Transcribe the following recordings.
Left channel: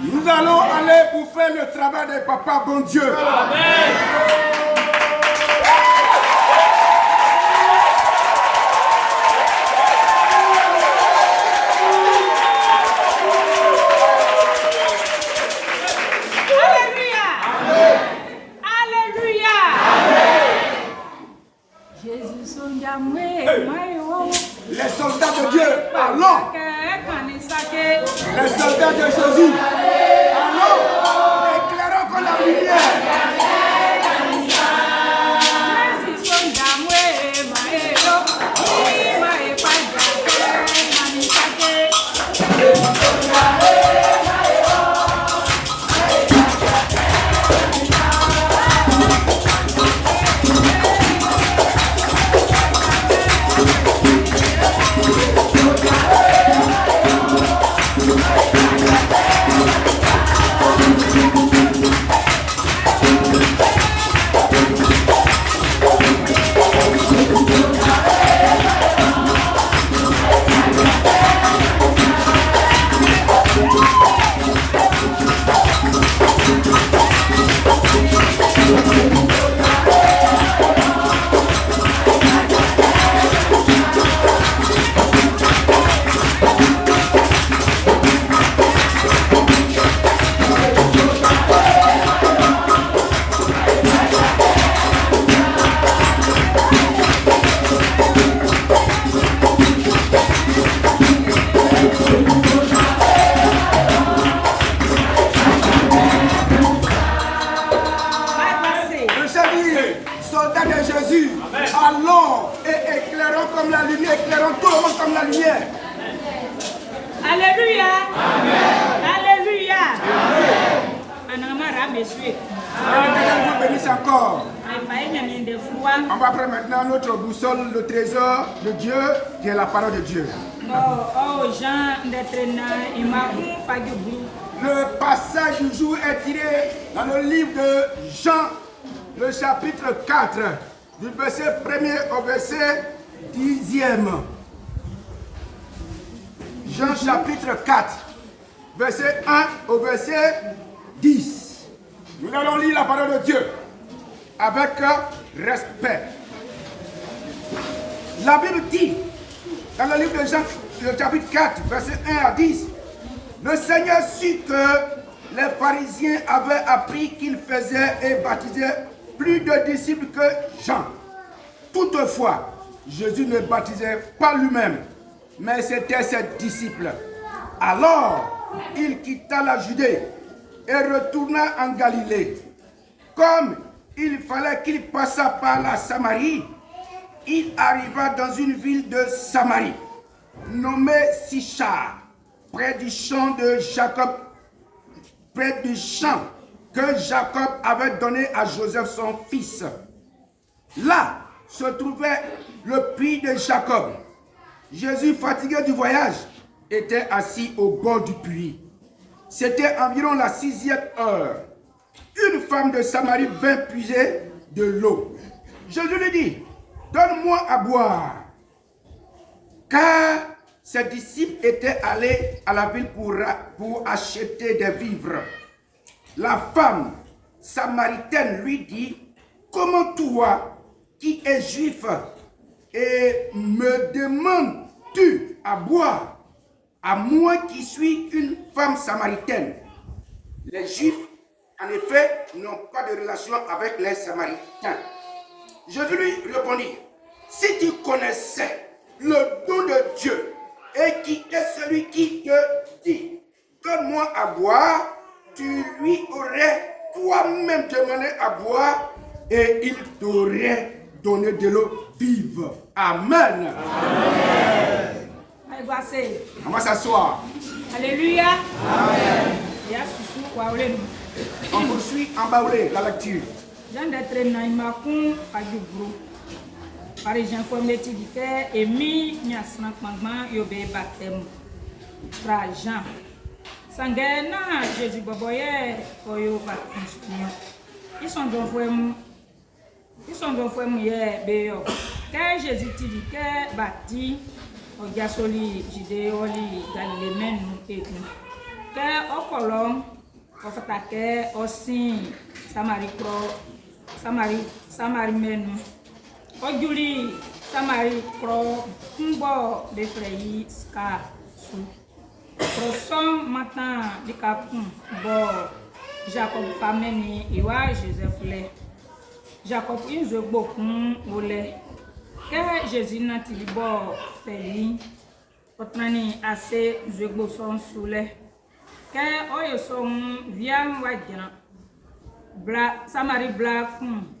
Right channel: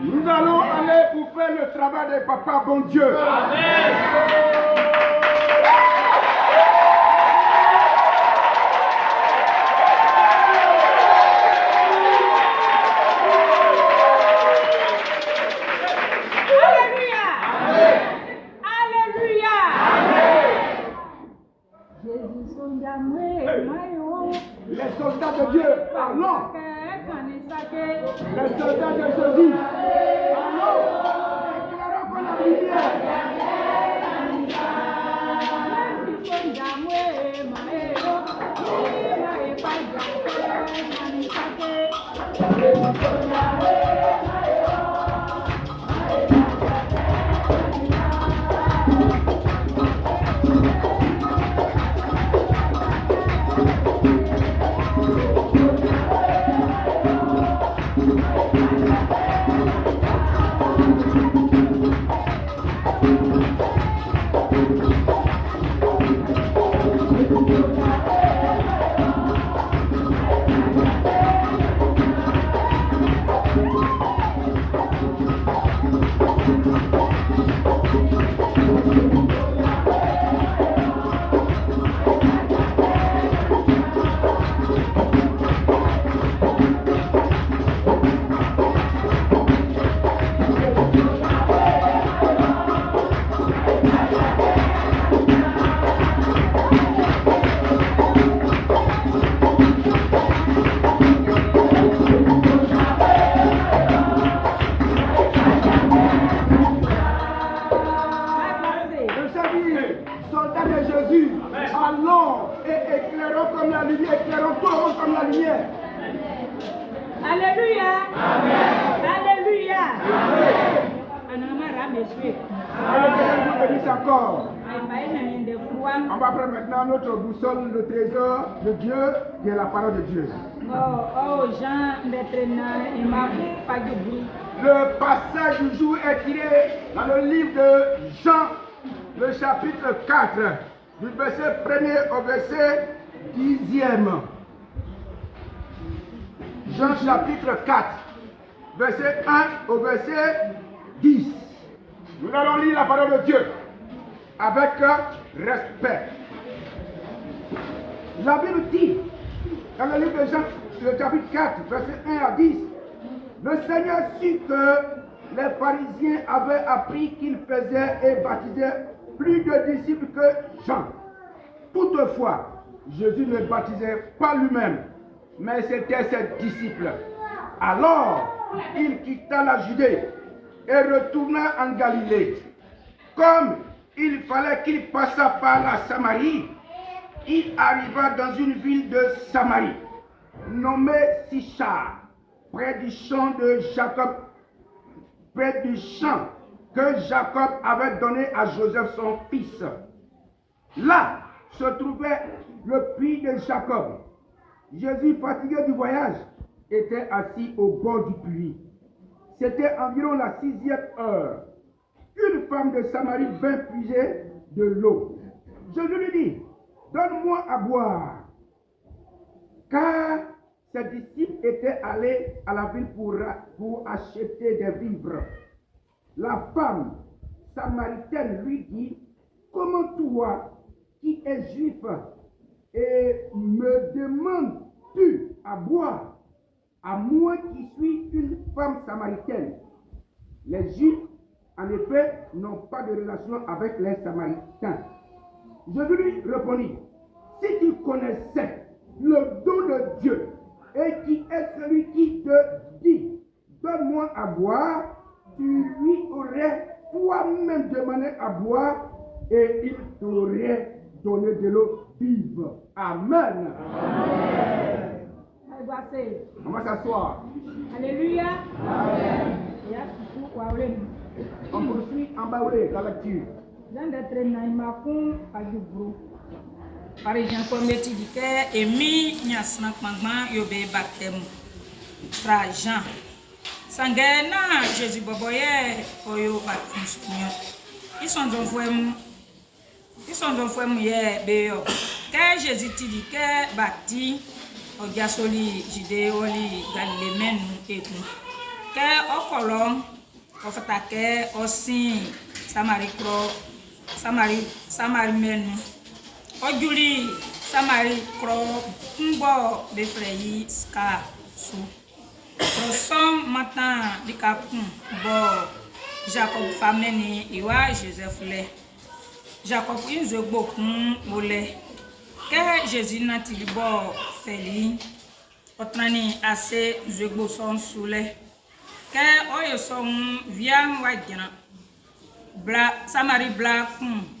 Nous allons aller pour faire le travail de Papa bon Dieu. Amen. Les soldats de Dieu, allons. Les soldats de Jésus, allons. Éclairons comme la lumière. Soldats de Jésus, allons et éclairons comme la lumière, éclairons tout le monde comme la lumière. Alléluia. Alléluia. L'éternel vous bénisse encore. On va prendre maintenant notre boussole, le trésor de Dieu, qui est la parole de Dieu. Le passage du jour est tiré dans le livre de Jean, le chapitre 4, du verset 1er au verset 10e. Jean chapitre 4, verset 1 au verset 10. Nous allons lire la parole de Dieu avec respect. La Bible dit, dans le livre de Jean, le chapitre 4, verset 1 à 10, le Seigneur sut que les pharisiens avaient appris qu'il faisait et baptisait plus de disciples que Jean. Toutefois, Jésus ne baptisait pas lui-même, mais c'était ses disciples. Alors, il quitta la Judée et retourna en Galilée. Comme il fallait qu'il passât par la Samarie, il arriva dans une ville de Samarie, nommée Sichar, près du champ de Jacob, près du champ que Jacob avait donné à Joseph son fils. Là se trouvait le puits de Jacob. Jésus, fatigué du voyage, était assis au bord du puits. C'était environ la 6e heure. Une femme de Samarie vint puiser de l'eau. Jésus lui dit, donne-moi à boire. Car ses disciples étaient allés à la ville pour acheter des vivres. La femme samaritaine lui dit, comment toi, qui es juif, et me demandes-tu à boire, à moi qui suis une femme samaritaine? Les Juifs, en effet, n'ont pas de relation avec les Samaritains. Jésus lui répondit, si tu connaissais le don de Dieu, et qui est celui qui te dit, donne-moi à boire, tu lui aurais toi-même demandé à boire, et il t'aurait donné de l'eau vive. Amen. Amen. On va s'asseoir. Alléluia. Amen. On poursuit en bas la lecture. Parisien informatique et mi nyasna kmangma yobe baptême fra Jean sangena Jésus boboye oyo baptême ils sont donc fois ye beyo Que Jésus te dit que bâti, au gasoli, jide oli, galilée menu et tout. Que au colon, au fatake, au sin, Samari cro, Samari menu. Au juli, Samari cro, mbo de freyi ska sou. Prosom matin de capon, bo, Jacob fameni, iwa Joseph le. Jacob in zo beaucoup mole. Que Jésus n'a til bo feli. Otrani assez zo bo son soule. Que oyo son viam wajana. Bla Samari bla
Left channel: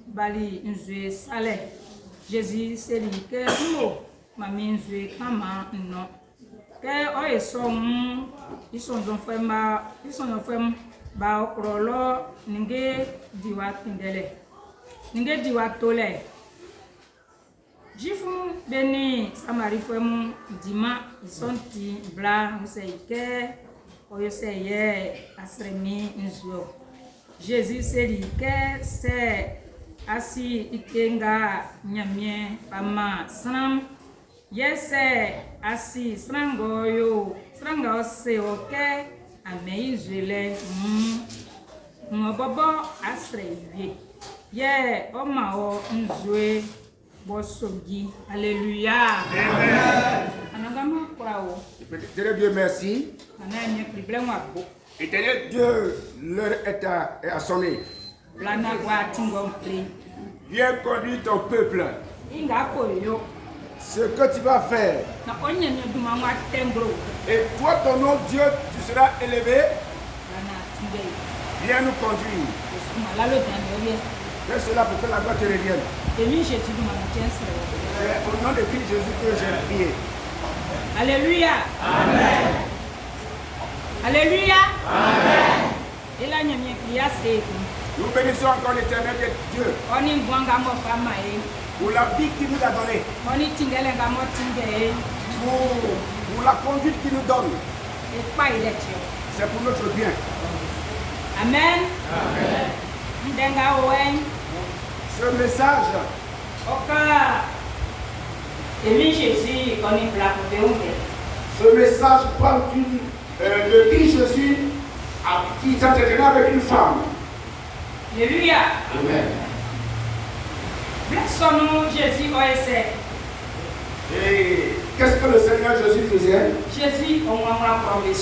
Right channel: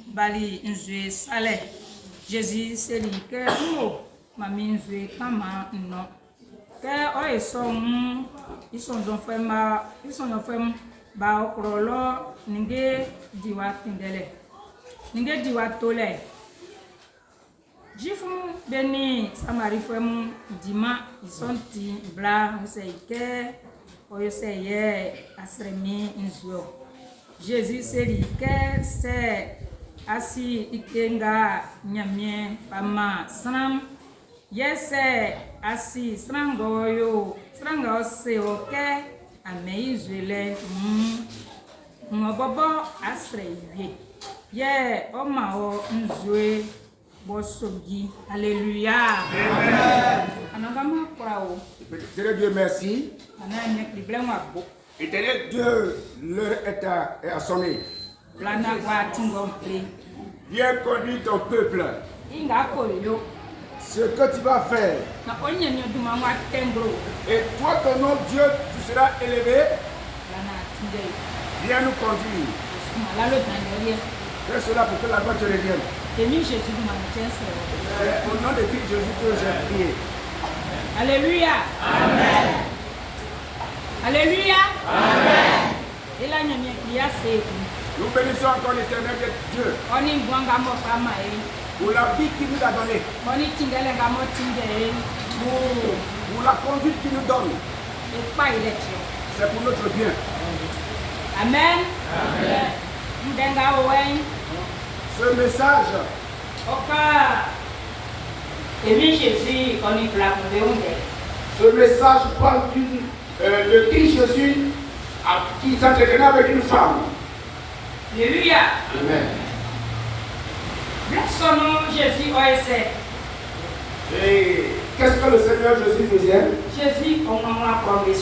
bali nzwe sale. Jésus seli que mo mami nzwe kama no. Que oyo son ils sont enfants ba okrolo ninge diwa tindele. Ninge diwa tole. Jifu beni Samari femu dima isonti bla useike oyo seye asremi nzwo. Jésus seli que c'est asi ikenga nyamie fama sanam yese asi srangoyo sranga ose oke ameizele ngobobo asrewie ye omao nzwe bosogi. Alléluia. Amen. Anagama kwao. Éternel Dieu, merci. Ananya problème abo. Éternel Dieu, l'heure est à sonner. Plana kwa tingom pri. Viens conduire ton peuple. Inga koyo. Ce que tu vas faire. Na onye ni oduma wa tembro. Et toi, ton nom, Dieu, tu seras élevé. Plana tinde. Viens nous conduire. Malalo danyoye. Fais cela pour que la gloire te revienne. Emi Jésus du matin c'est. C'est au nom de Christ Jésus que j'ai prié. Alléluia. Amen. Alléluia. Amen. Et là nyamie priya c'est. Nous bénissons encore l'Éternel Dieu Oni ngwanga mo fama e. pour la vie qu'il nous a donnée, Oni tingele nga mo tinge e. pour la conduite qu'il nous donne. E pa ile tio. C'est pour notre bien. Amen. Amen. Ndenga owen. Ce message, Oka. Emi Jésus oni bla ko ce message parle de Christ Jésus qui s'entretenait avec une femme. Alléluia. Amen. Blessons Jésus oese. Et qu'est-ce que le Seigneur Jésus faisait? Jésus on m'a promis.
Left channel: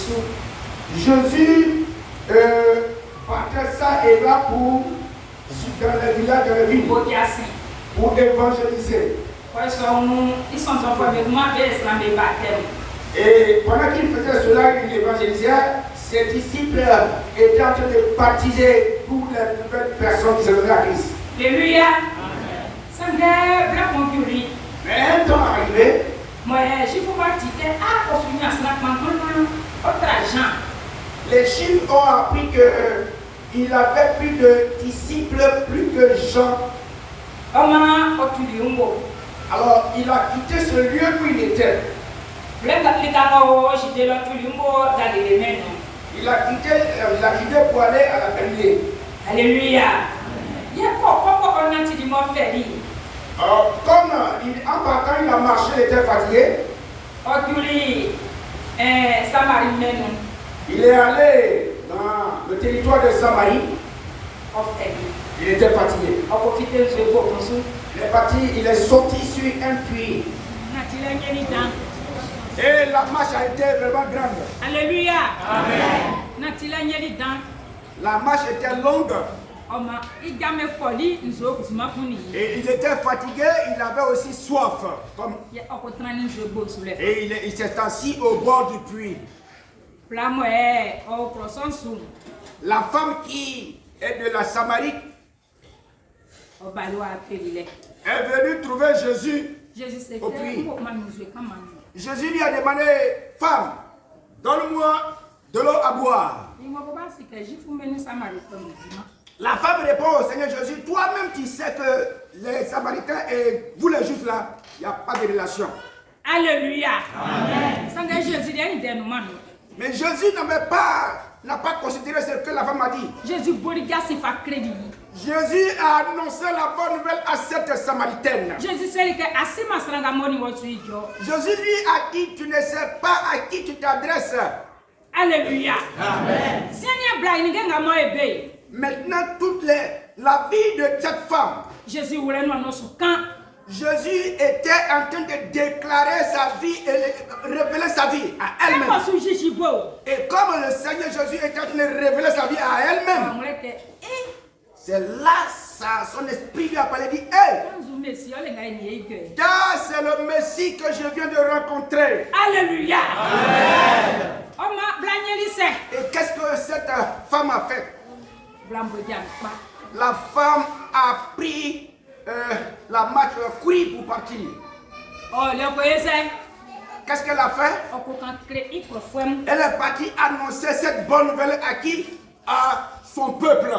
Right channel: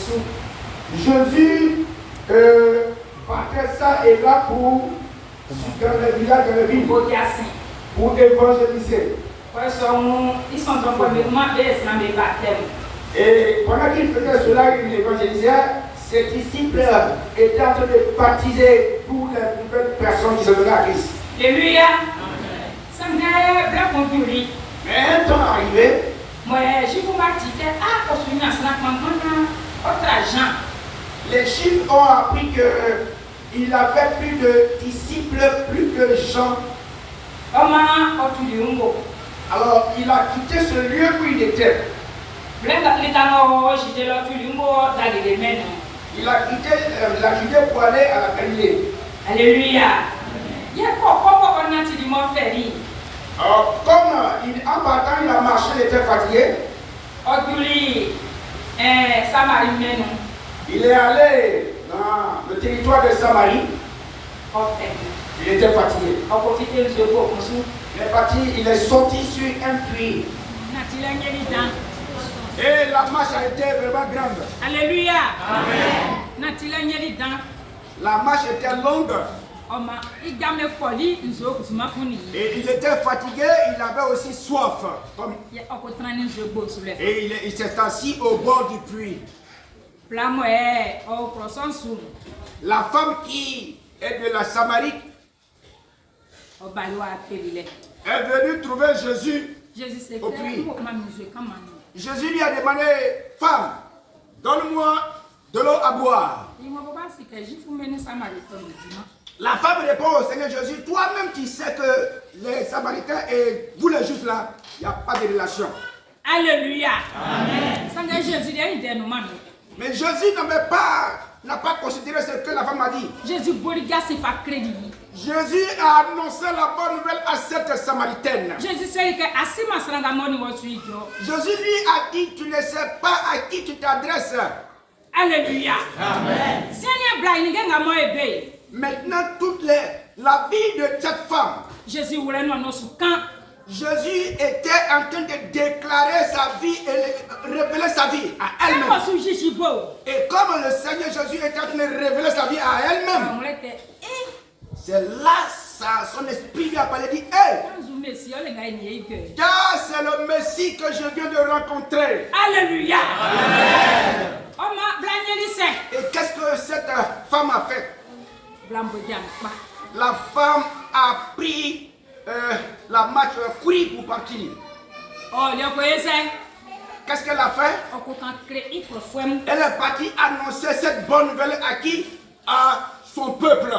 Jésus partait ça et là pour dans les villages, dans les villes, pour évangéliser. Ils sont enfants de moi, Et pendant qu'il faisait cela, il évangélisait, ses disciples étaient en train de baptiser toutes les nouvelles personnes qui se venaient à Christ. Alléluia. Mais un temps arrivé, les Juifs ont appris qu'il avait plus de disciples, plus que Jean. Alors il a quitté ce lieu où il était. Il a quitté pour aller à la Galilée. Alléluia. Alors, comme en partant, il a marché, il était fatigué. Il est allé dans le territoire de Samarie. Il était fatigué. Il est parti, il est sorti sur un puits. Et la marche a été vraiment grande. Alléluia. Amen. La marche était longue. Et il était fatigué, il avait aussi soif. Et il s'est assis au bord du puits. La femme qui est de la Samarie est venue trouver Jésus au puits. Jésus lui a demandé, femme, donne-moi de l'eau à boire. La femme répond au Seigneur Jésus, toi-même tu sais que les Samaritains et vous les Juifs là, il n'y a pas de relation. Alléluia. Amen. Mais Jésus n'avait pas n'a pas considéré ce que la femme a dit. Jésus boriga se fa crédit. Jésus a annoncé la bonne nouvelle à cette Samaritaine. Jésus sait que asima sranga moni wosu jo. Jésus lui a dit, tu ne sais pas à qui tu t'adresses. Alléluia. Amen. Seigneur Blaine nga mo ebe. Maintenant, la vie de cette femme, Jésus voulait nous annoncer quand Jésus était en train de déclarer sa vie et révéler sa vie à elle-même. Et comme le Seigneur Jésus était en train de révéler sa vie à elle-même, c'est là son esprit lui a parlé et dit, hey, c'est le Messie que je viens de rencontrer. Alléluia. Et qu'est-ce que cette femme a fait? La femme a pris la marche, courir pour partir. Qu'est-ce qu'elle a fait? Elle est partie annoncer cette bonne nouvelle à qui? À son peuple.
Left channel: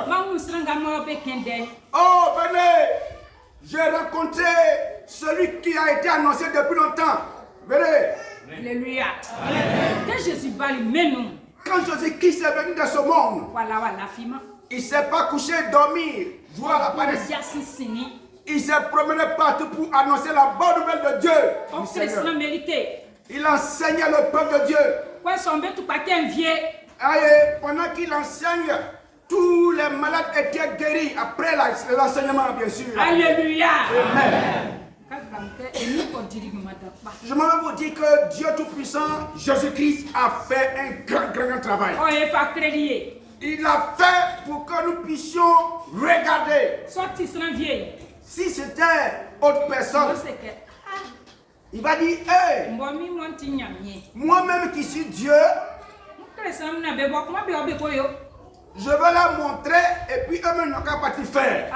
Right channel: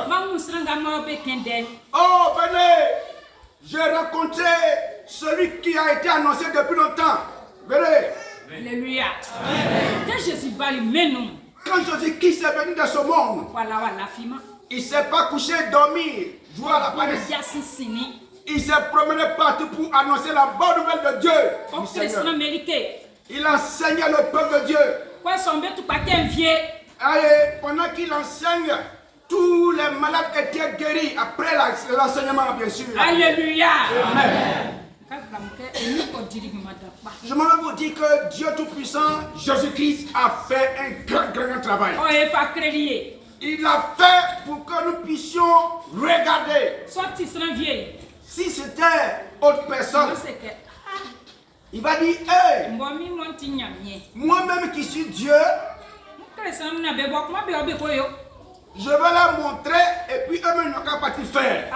Oh, venez! J'ai rencontré celui qui a été annoncé depuis longtemps. Venez! Alléluia. Quand Jésus-Christ est venu dans ce monde, il ne s'est pas couché, dormir, jouer à la paresse. Il s'est promené partout pour annoncer la bonne nouvelle de Dieu. Il enseignait le peuple de Dieu. Pendant qu'il enseigne, tous les malades étaient guéris après l'enseignement, bien sûr. Alléluia. Amen. Je m'en vais vous dire que Dieu Tout-Puissant, Jésus-Christ, a fait un grand travail. Il a fait pour que nous puissions regarder. Si c'était autre personne, il va dire, hey, moi-même qui suis Dieu, je vais leur montrer et puis eux-mêmes n'ont qu'à partir faire.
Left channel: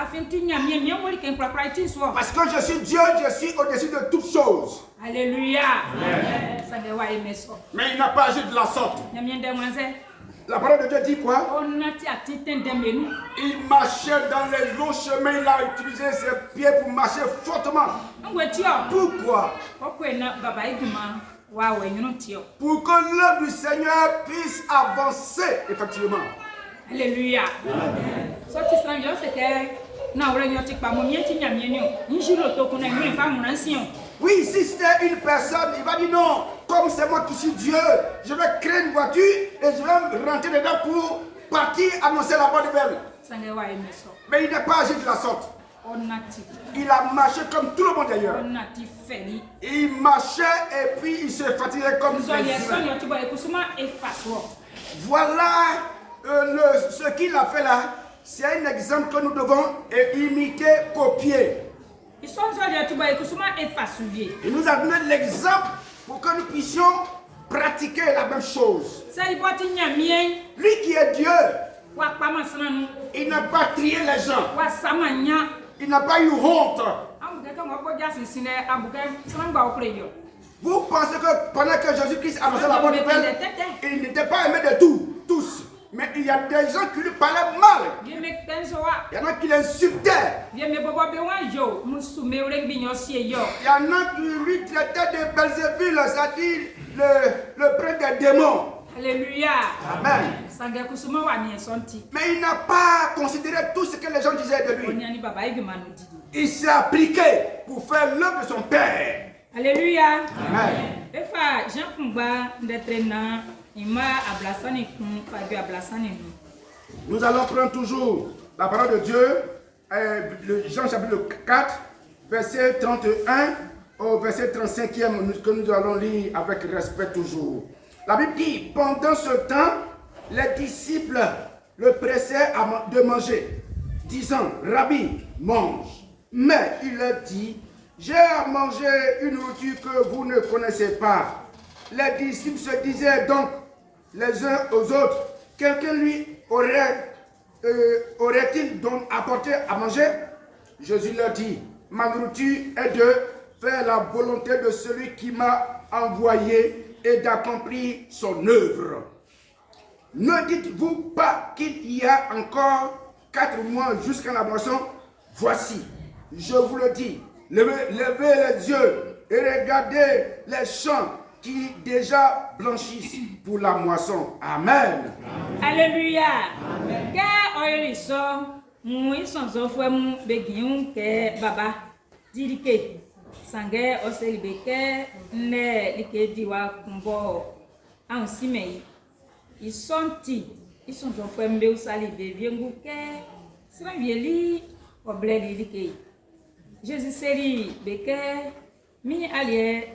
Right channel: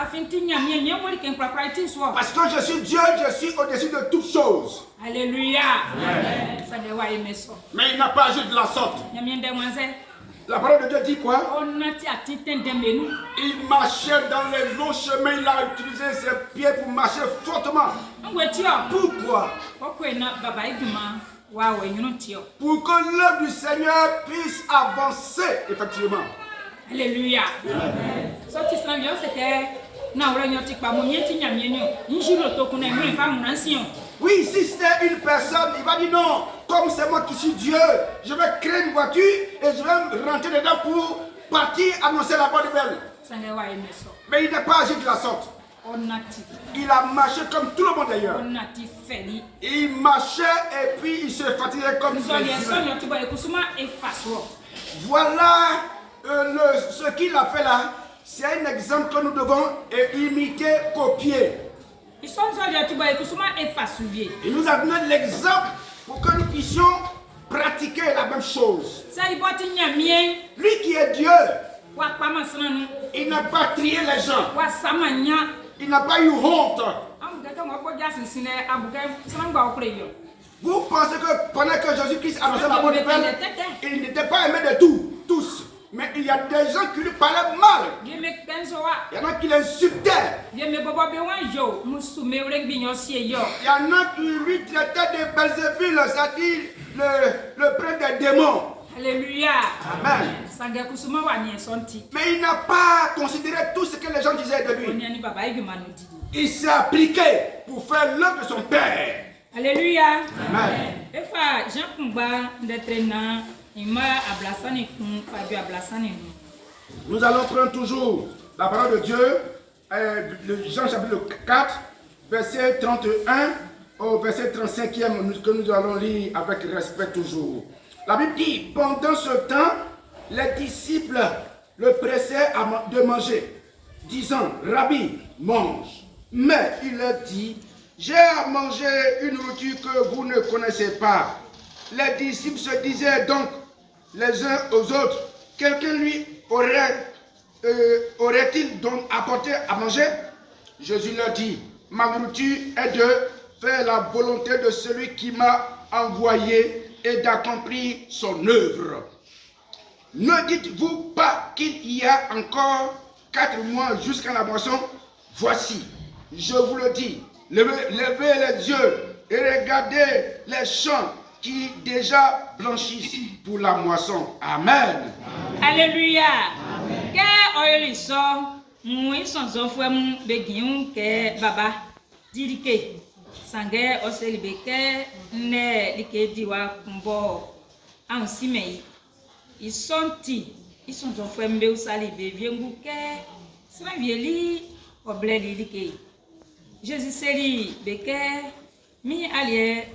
Parce que je suis Dieu, je suis au-dessus de toutes choses. Alléluia. Mais il n'a pas agi de la sorte. La parole de Dieu dit quoi? Il marchait dans les longs chemins, il a utilisé ses pieds pour marcher fortement. Pourquoi? Pour que l'œuvre du Seigneur puisse avancer, effectivement. Alléluia. Oui, si c'était une personne, il va dire non, comme c'est moi qui suis Dieu, je vais créer une voiture et je vais rentrer dedans pour partir annoncer la bonne nouvelle. Mais il n'est pas agi de la sorte. Il a marché comme tout le monde d'ailleurs. Il marchait et puis il se fatiguait comme les humains. Voilà ce qu'il a fait là. C'est un exemple que nous devons imiter, copier. Il nous a donné l'exemple pour que nous puissions pratiquer la même chose. Lui qui est Dieu, il n'a pas trié les gens. Il n'a pas eu honte. Vous pensez que pendant que Jésus-Christ annonçait la bonne nouvelle, il n'était pas aimé de tous. Mais il y a des gens qui lui parlaient mal. Il y en a qui l'insultaient. Il y en a qui lui traitaient de Belzébul, c'est-à-dire le prince des démons. Alléluia. Amen. Mais il n'a pas considéré tout ce que les gens disaient de lui. Il s'est appliqué pour faire l'œuvre de son Père. Alléluia. Amen. Nous allons prendre toujours la parole de Dieu, Jean chapitre 4, verset 31 au verset 35e que nous allons lire avec respect toujours. La Bible dit, pendant ce temps, les disciples le pressaient de manger, disant, Rabbi, mange. Mais il leur dit, j'ai à manger une nourriture que vous ne connaissez pas. Les disciples se disaient donc les uns aux autres, quelqu'un lui aurait-il donc apporté à manger? Jésus leur dit, ma nourriture est de faire la volonté de celui qui m'a envoyé et d'accomplir son œuvre. Ne dites-vous pas qu'il y a encore 4 mois jusqu'à la moisson? Voici, je vous le dis, levez les yeux et regardez les champs qui déjà blanchissent pour la moisson. Amen. Alléluia. Que oyeli so mu isonzo fuemu begiun ke baba dirike sange oselibeke ne like diwa kumbo ansime isonti isonzo fuembe usali beviengu ke sravieli obledi like Jésus seri beke mi alie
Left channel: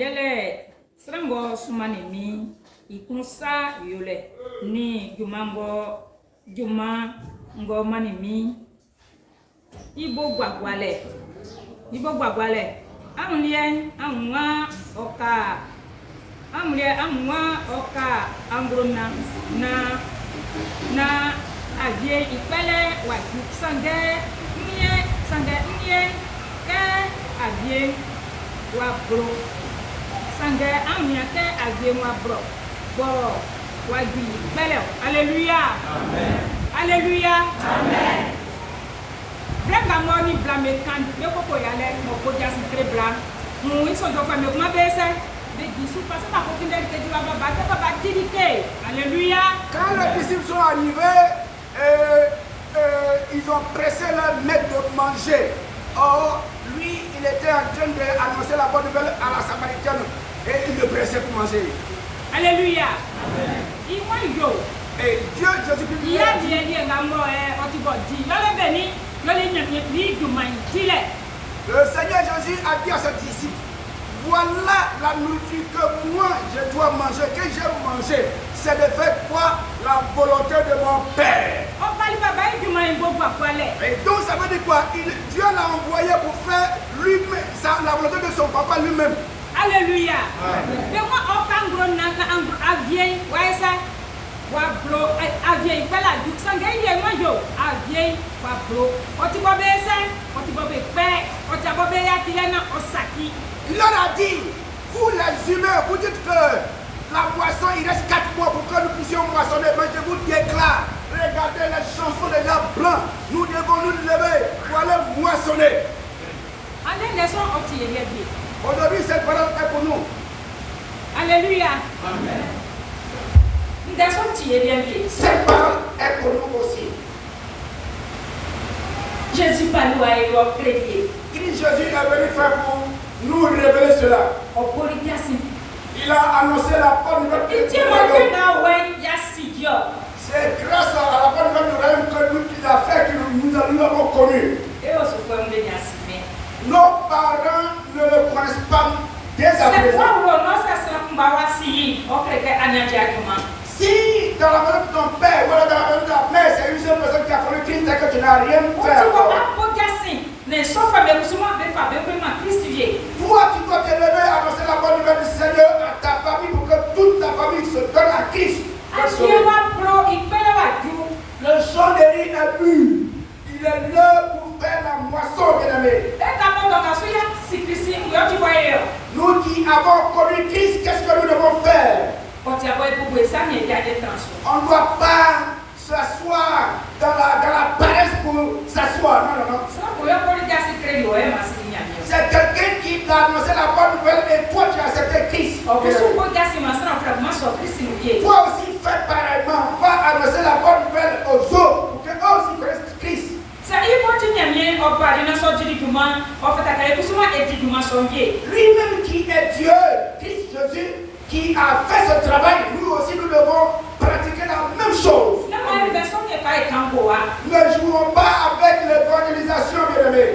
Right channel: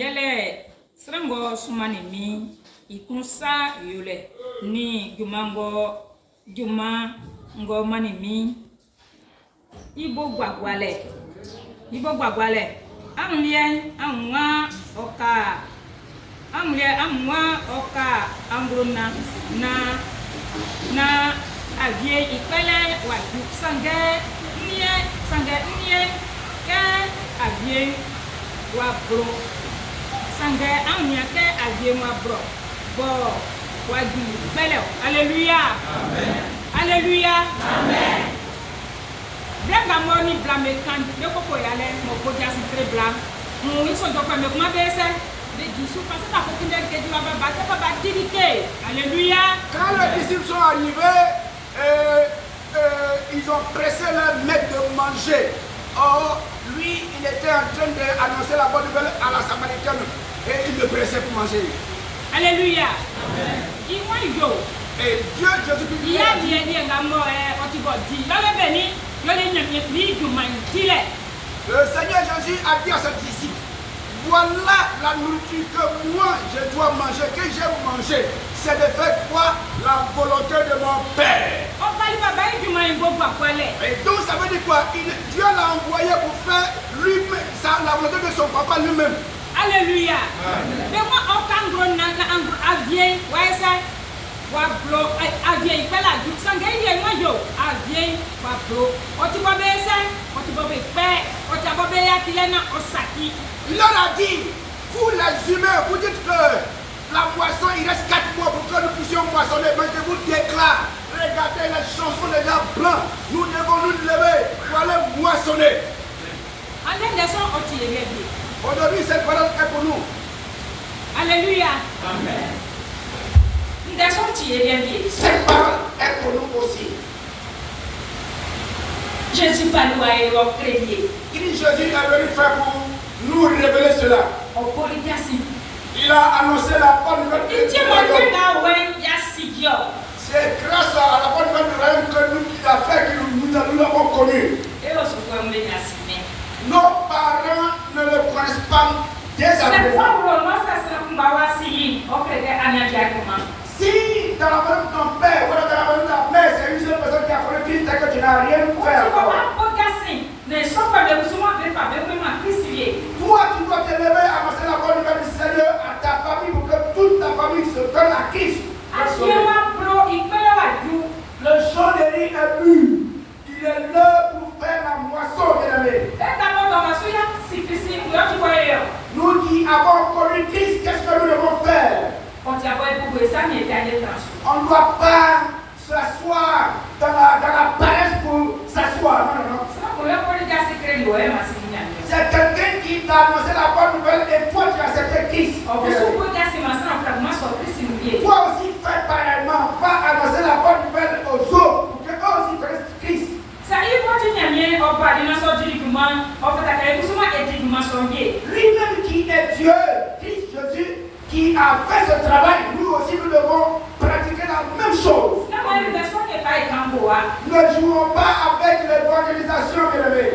yele srango sumani mi ikunsa yole ni juma ngo mani mi ibo gbagwale anwa oka ambrona na avie ipele wa sange nye ke avie wa bro sange anya ke avie wa bro bo wagi bele. Alléluia. Amen. Alléluia. Amen. Brenga moni blame kan de koko yale mo ko jasi très blanc. Mu iso do fa me kuma bese de gisu parce que ko kinde ke di baba ke baba dirike. Alléluia. Quand les disciples sont arrivés, ils ont pressé leur maître de manger. Or, lui, il était en train d'annoncer la bonne nouvelle à la Samaritaine et il le pressait pour manger. Alléluia. Amen. Et Dieu, Jésus-Christ, il y a dit le Seigneur Jésus a dit à ses disciples, voilà la nourriture que moi je dois manger, que j'ai mangé. C'est de faire quoi? La volonté de mon Père. Et donc ça veut dire quoi? Dieu l'a envoyé pour faire lui-même, la volonté de son papa lui-même. Alléluia. Mais moi, au Cameroun, avien, ouais ça, wablo, avien, il fait la jupe, sans gagner moi yo, avien, wablo, otibobe ça, otibobe père, otibobe yakilena osaki. Il leur a dit, vous les humains, vous dites que la moisson, il reste 4 mois pour que nous puissions moissonner, mais je vous déclare, regardez les chansons des gens blancs, nous devons nous lever pour aller moissonner. Aujourd'hui, cette parole est pour nous. Alléluia. Amen. Cette parole est pour nous aussi. Jésus parle à eux, crédible. Jésus est venu faire pour nous révéler cela. Il a annoncé la bonne nouvelle. C'est grâce à la bonne nouvelle du royaume que nous a fait que nous l'avons connu. Nos parents ne le connaissent pas dès à présent. Si dans la maison de ton père ou dans la maison de ta mère, c'est une seule personne qui a connu Christ et que tu n'as rien fait. Toi, tu dois te lever et annoncer la bonne nouvelle du Seigneur à ta famille pour que toute ta famille se donne à Christ. Le champ de riz est mûr. Il est l'heure pour faire la moisson, bien-aimé. Nous qui avons connu Christ, qu'est-ce que nous devons faire? On ne doit pas s'asseoir dans la paresse pour s'asseoir. Non. C'est quelqu'un qui t'a annoncé la bonne nouvelle et toi tu as accepté Christ. Toi aussi fais pareillement. Va annoncer la bonne nouvelle aux autres pour qu'eux aussi connaissent Christ. Lui-même qui est Dieu, Christ Jésus, qui a fait ce travail, nous aussi nous devons pratiquer la même chose. Ne jouons pas avec l'évangélisation, bien-aimés.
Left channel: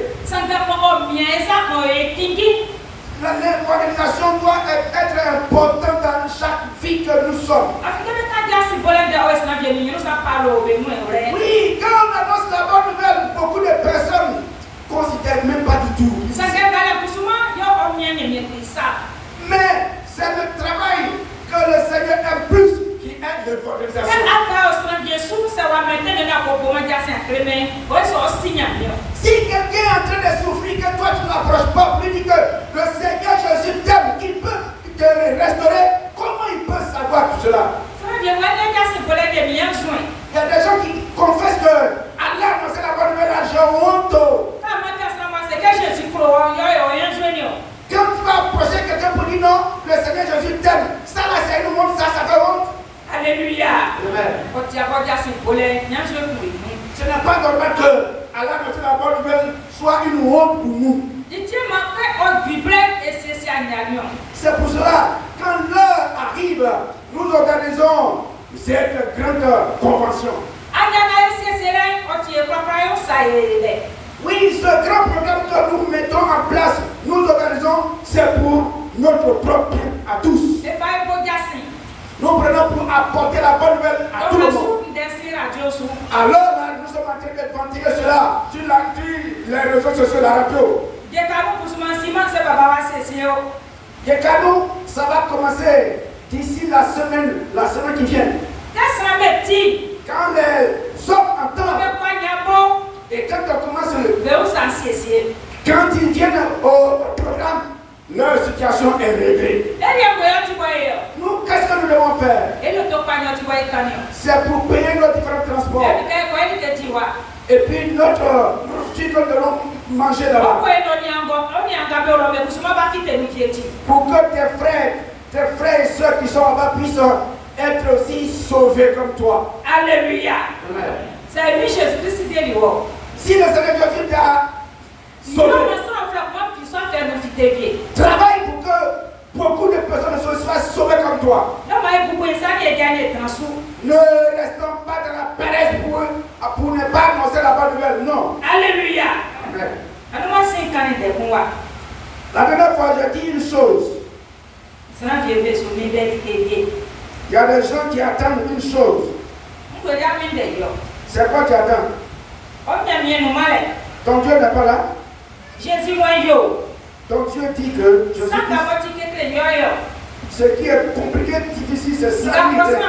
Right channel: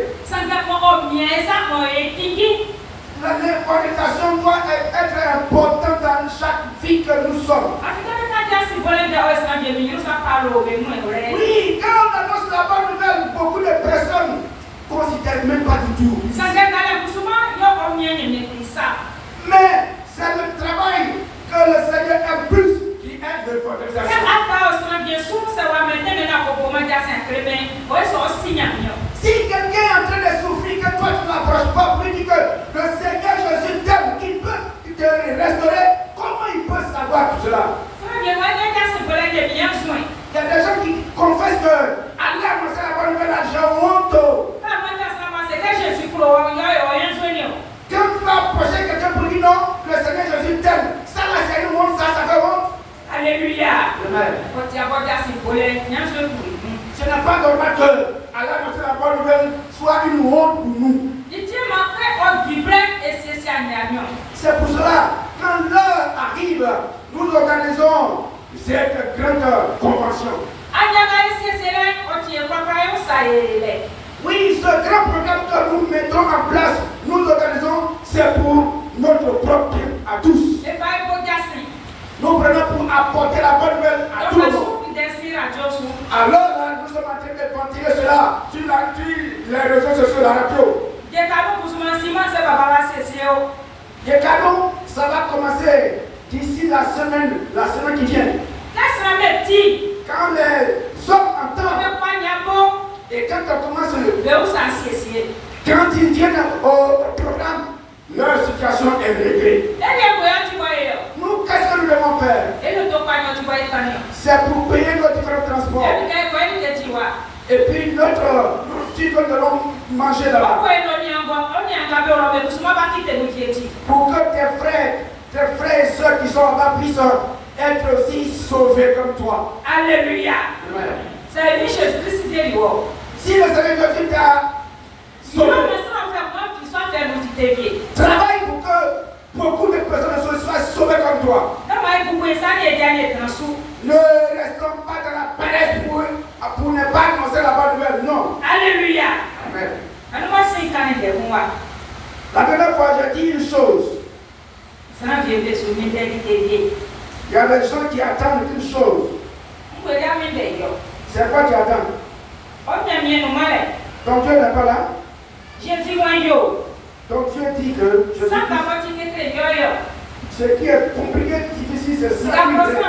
L'évangélisation doit être importante dans chaque vie que nous sommes. Oui, quand on annonce la bonne nouvelle, beaucoup de personnes ne considèrent même pas du tout. Mais c'est le travail que le Seigneur impulse qui aide l'évangélisation. Si quelqu'un est en train de souffrir, que toi tu ne l'approches pas pour lui dire que le Seigneur Jésus t'aime, qu'il peut te restaurer, comment il peut savoir tout cela? Il y a des gens qui pas normal que à l'annoncer la bonne nouvelle soit une honte pour nous. C'est pour cela, quand l'heure arrive, nous organisons cette grande convention. Oui, ce grand programme que nous mettons en place, nous organisons, c'est pour notre propre bien à tous. Nous prenons pour apporter la bonne nouvelle à tout le monde. Alors là, nous sommes en train de ventiler cela sur les réseaux sociaux, la radio. Des canaux, ça va commencer d'ici la semaine qui vient. Quand les hommes entendent et quand on commence quand ils viennent au programme, leur situation est réglée. Nous, qu'est-ce que nous devons faire? C'est pour payer nos différents transports. Et puis notre petit que nous allons manger là-bas. Pour que tes frères et soeurs qui sont là-bas puissent être aussi sauvés comme toi. Alléluia. Amen. Si le Seigneur Jésus t'a sauvé, travaille pour que beaucoup de personnes soient sauvées comme toi. Ne restons pas dans la paresse pour ne pas annoncer la bonne nouvelle. Non. Alléluia. Amen. La dernière fois, j'ai dit une chose. Il y a des gens qui attendent une chose. C'est quoi tu attends? Ton Dieu n'est pas là. Ton Dieu dit que je suis ce qui est compliqué, difficile, c'est ça lui fait.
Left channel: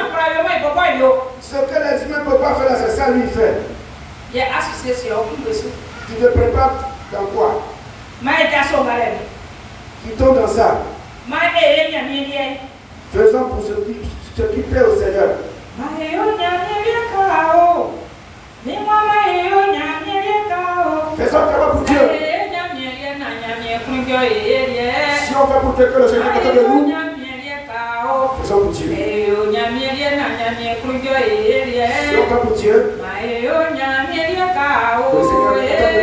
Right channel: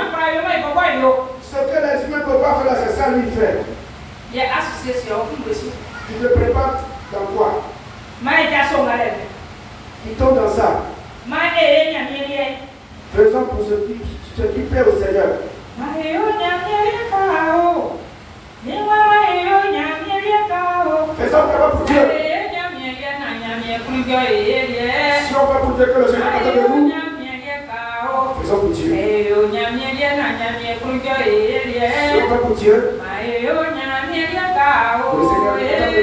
Ce que les humains ne peuvent pas faire, c'est ça lui faire. Tu te prépares dans quoi? Quittons dans ça. Faisons pour ce qui plaît au Seigneur. Faisons pour Dieu. Si on va pour Dieu que le Seigneur est de nous, faisons pour Dieu. Si on va pour Dieu, le Seigneur est de nous.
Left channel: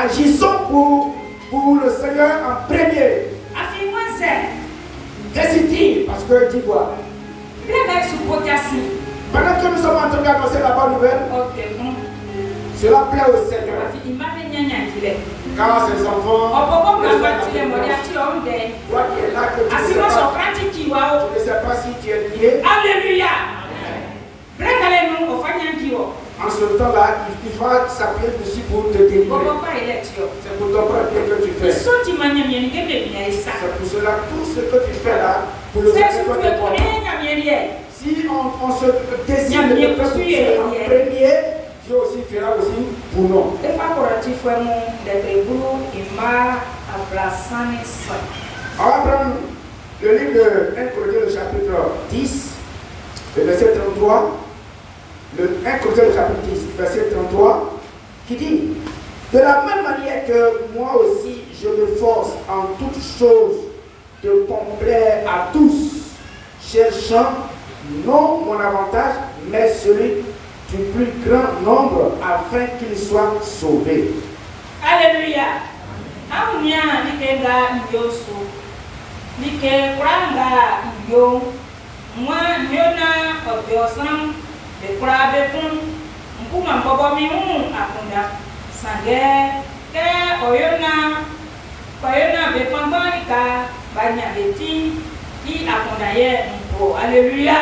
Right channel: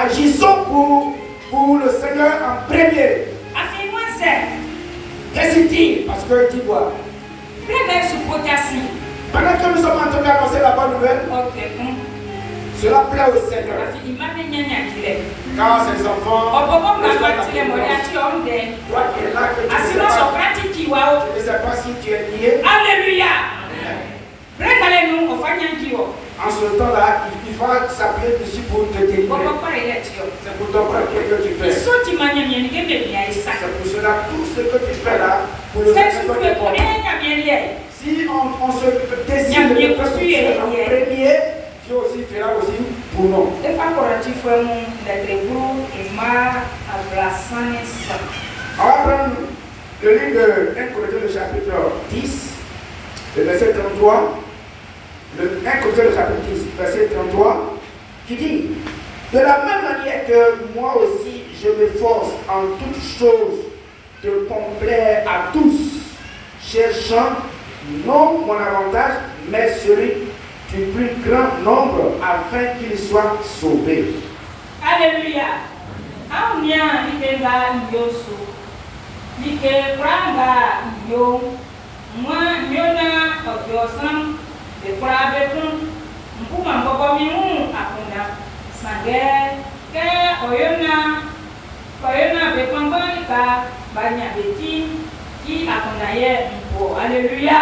Agissons pour le Seigneur en premier. Qu'est-ce qu'il dit? Parce qu'il dit quoi? Pendant que nous sommes en train d'annoncer la bonne nouvelle, cela plaît au Seigneur. Car ses enfants, toi qui es là, que tu ne sais pas si tu es lié. Alléluia. En ce temps-là, il va s'appuyer dessus pour te délivrer. C'est pour ton propre bien que tu fais. C'est pour cela, tout ce que tu fais là, pour le Seigneur, si on se décide de faire en premier, Dieu aussi fera aussi pour nous. On va prendre le livre de 1 Corinthiens, le chapitre 10, le verset 33. Le 1 Corinthiens, le chapitre 10, verset 33, qui dit: de la même manière que moi aussi je m'efforce en toutes choses de complaire à tous, cherchant non mon avantage, mais celui du plus grand nombre, afin qu'il soit sauvé. Alléluia. Aunia likenda yoso. Like pranga yo. Moi miona obiosam de prabe kun. Mpuma mbogo mimu akunda. Sange ke oyona bekondonika banya beti ki akunda ye mpo. Alléluia.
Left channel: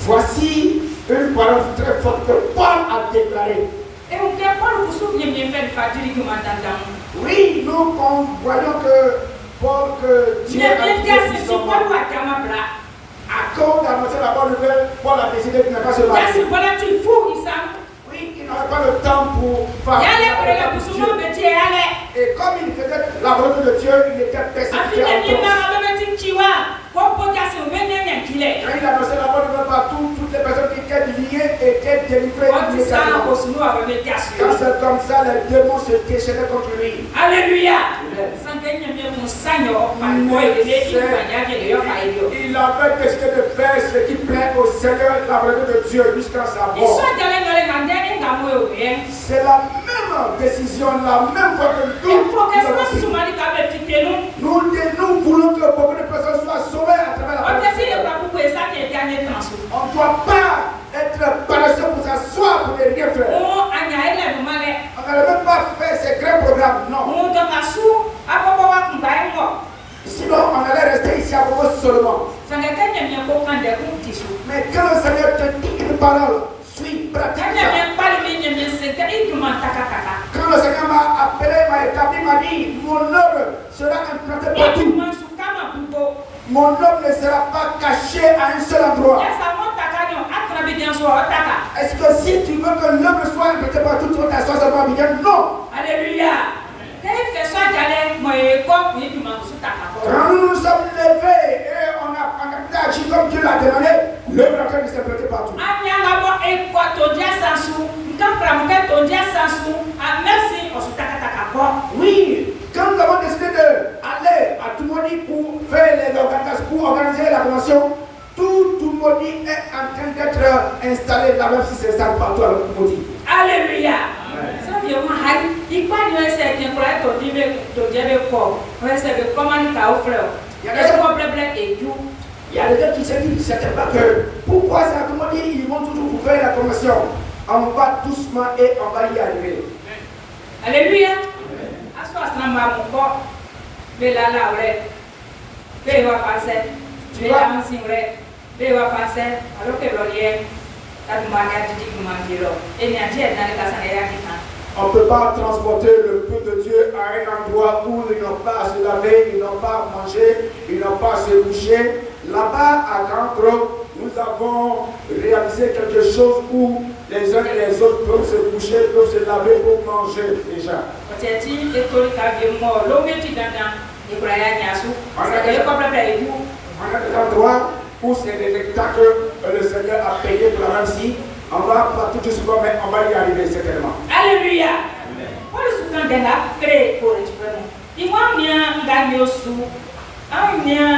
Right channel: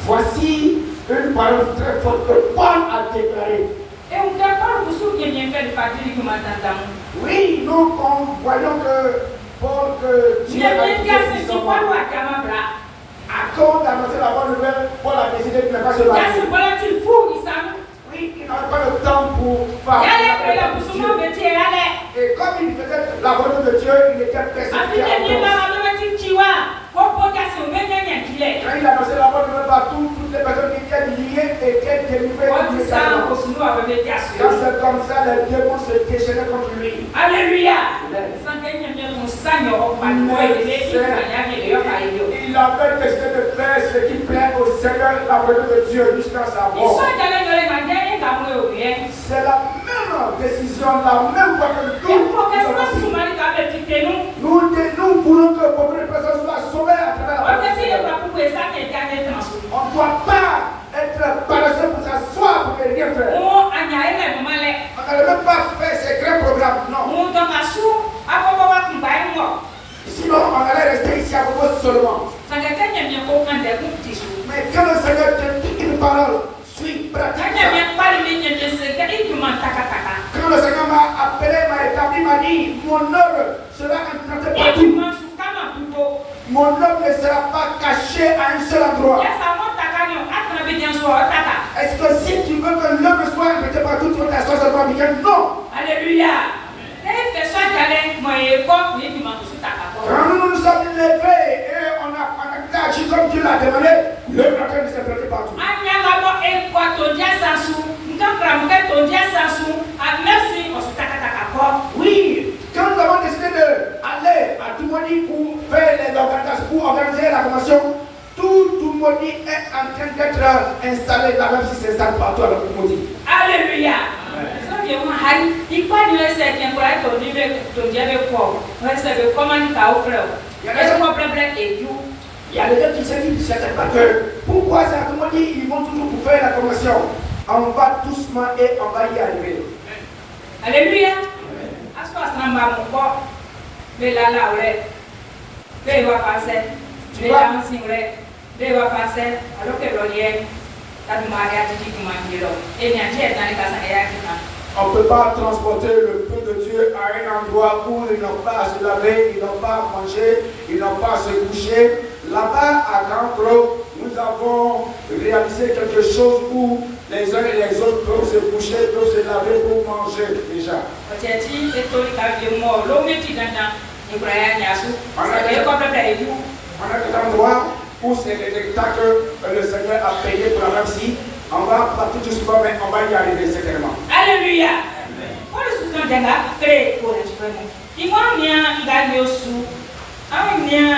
Voici une parole très forte que Paul a déclarée. Oui, nous voyons que Paul, que Dieu a dit son accorde d'annoncer la bonne nouvelle, Paul a décidé de ne pas se marier. Oui, il n'avait pas le temps pour faire et comme il faisait la volonté de Dieu, il était persécuté. Quand il annonçait la bonne nouvelle partout, toutes les personnes qui étaient liées étaient délivrées immédiatement. Quand c'est comme ça, les démons se déchaînaient contre lui. Alléluia. Il avait décidé de faire ce qui plaît au Seigneur, la volonté de Dieu, jusqu'à sa mort. C'est la même décision, la même fois que nous voulons que beaucoup de personnes soient sauvées à travers la parole. On ne doit pas être paresseux pour s'asseoir pour ne rien faire. On n'allait même pas faire ces grands programmes, non. Sinon, on allait rester ici à Bobo seulement. Mais quand le Seigneur te dit une parole, suis pratique. Quand le Seigneur m'a appelé, m'a établi, m'a dit, mon œuvre sera implantée partout. Mon œuvre ne sera pas cachée à un seul endroit. Est-ce que si tu veux que l'œuvre soit implantée partout, tu vas t'asseoir seulement bien? Non. Alléluia. Quand nous nous sommes levés et on a agi comme Dieu l'a demandé, l'œuvre en train de s'implanter partout. Oui, quand nous avons décidé d'aller à Tumodi pour faire les organisations, pour organiser la convention, tout Tumodi est en train d'être installé là, même si c'est ça partout à Tumodi. Alléluia. Il y a des gens qui se disent certainement que pourquoi c'est à Tumodi, ils vont toujours pour faire la convention. On va doucement et on va y arriver. Alléluia. On ne peut pas transporter le peuple de Dieu à un endroit où ils n'ont pas à se laver, ils n'ont pas à manger, ils n'ont pas à se coucher. Là-bas, à Cancro, nous avons réalisé quelque chose où les uns et les autres peuvent se coucher, peuvent se laver pour manger déjà. On a des endroits où c'est des hectares que le Seigneur a payé pour la même si. On va pas tout doucement, mais on va y arriver certainement. Alléluia. On le soutient de la paix pour l'expérience. Il va bien gagner sous. Un bien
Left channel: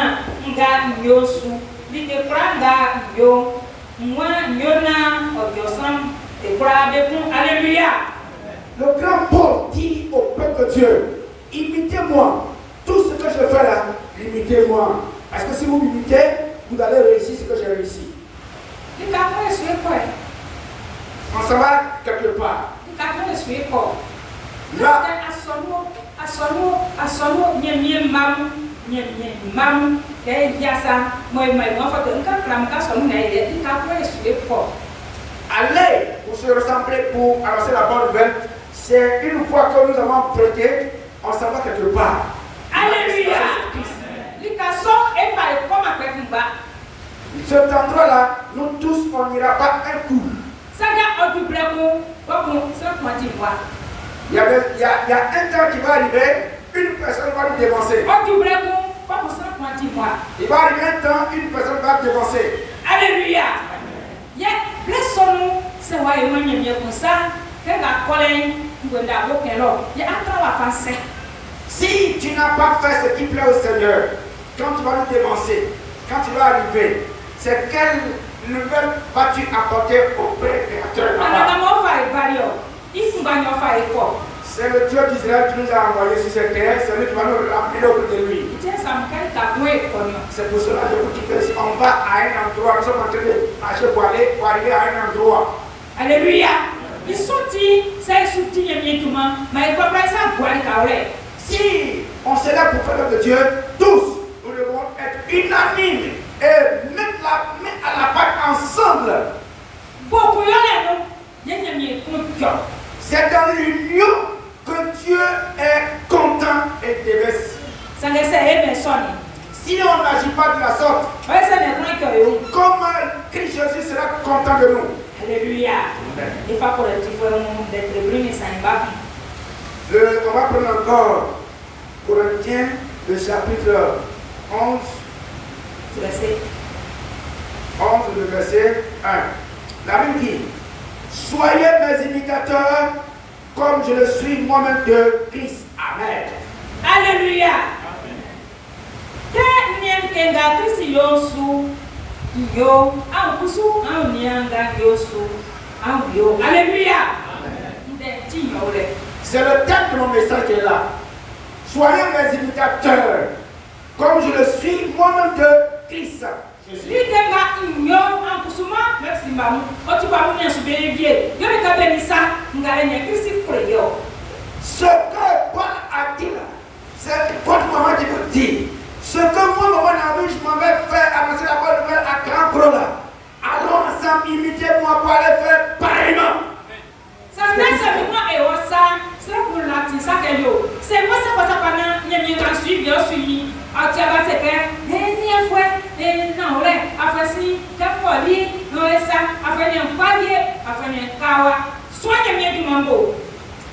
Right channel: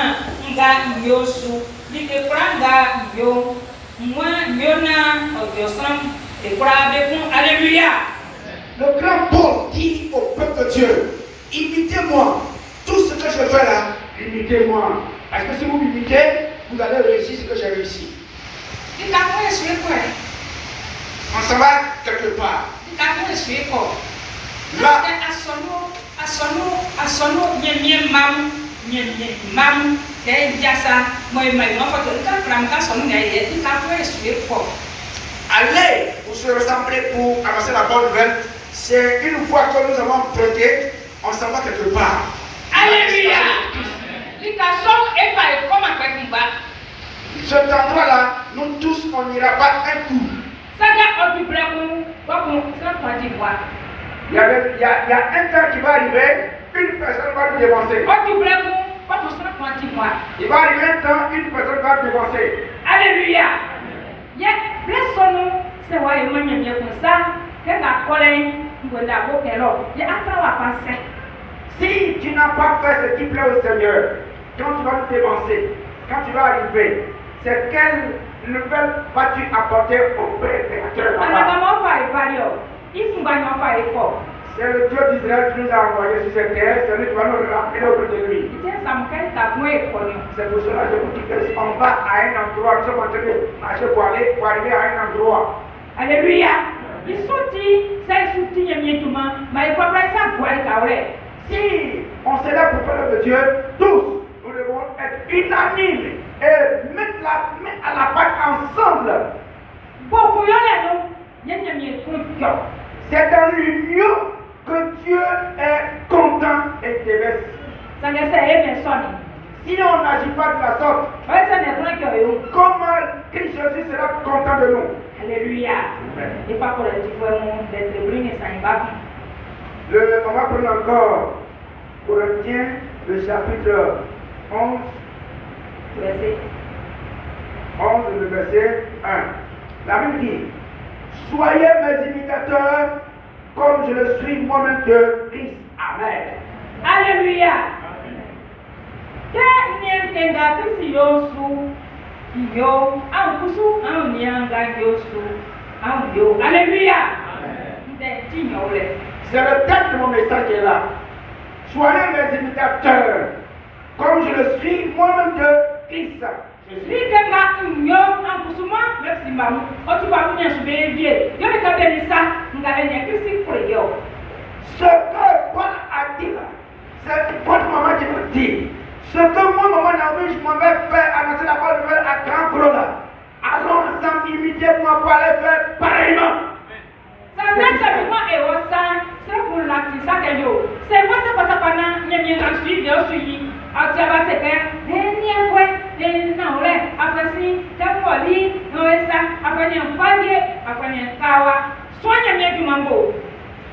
gagner sous. Il te prend yo. Moi, yona, obiosam, et pour Alléluia. Le grand Paul dit au peuple de Dieu, imitez-moi. Tout ce que je fais là, imitez-moi. Est-ce que si vous m'imitez, vous allez réussir ce que j'ai réussi? Il t'a pas essayé quoi? On s'en va quelque part. Là, Aller pour se rassembler pour annoncer la bonne nouvelle, c'est une fois que nous avons prêté, on s'en va quelque part. Alléluia. Cet endroit-là, nous tous, on n'ira pas un coup. Il y a un temps qui va arriver, une personne va nous dévancer. Il va arriver un temps, une personne va nous dévancer. Alléluia. Si tu n'as pas fait ce qui plaît au Seigneur, quand tu vas nous dévancer, quand tu vas arriver, c'est quelle nouvelle vas-tu apporter au Père Créateur là-bas? C'est le Dieu d'Israël qui nous a envoyés sur cette terre, c'est lui qui va nous ramener auprès de lui. C'est pour cela que je vous dis que si on va à un endroit, nous sommes en train de marcher pour arriver à un endroit. Alléluia. Si on s'est là pour faire l'œuvre de Dieu, tous, nous devons être unanimes et mettre la main à la pâte ensemble. C'est dans l'union que Dieu est content et déverse. Sinon, on n'agit pas de la sorte. Comment Christ Jésus sera content de nous? Alléluia. On va prendre encore Corinthiens, le chapitre 11, le verset 1. La Bible dit: soyez mes imitateurs comme je le suis moi-même de Christ. Amen. Alléluia. Alléluia. C'est le thème de mon message qui est là. Soyez mes imitateurs comme je le suis moi-même de Christ. Ce que Paul a dit là, c'est Paul maman qui vous dit. Ce que moi, maman Naomi, je m'en vais faire annoncer la bonne nouvelle à grand gros là. Allons ensemble, imitez-moi pour aller faire pareillement.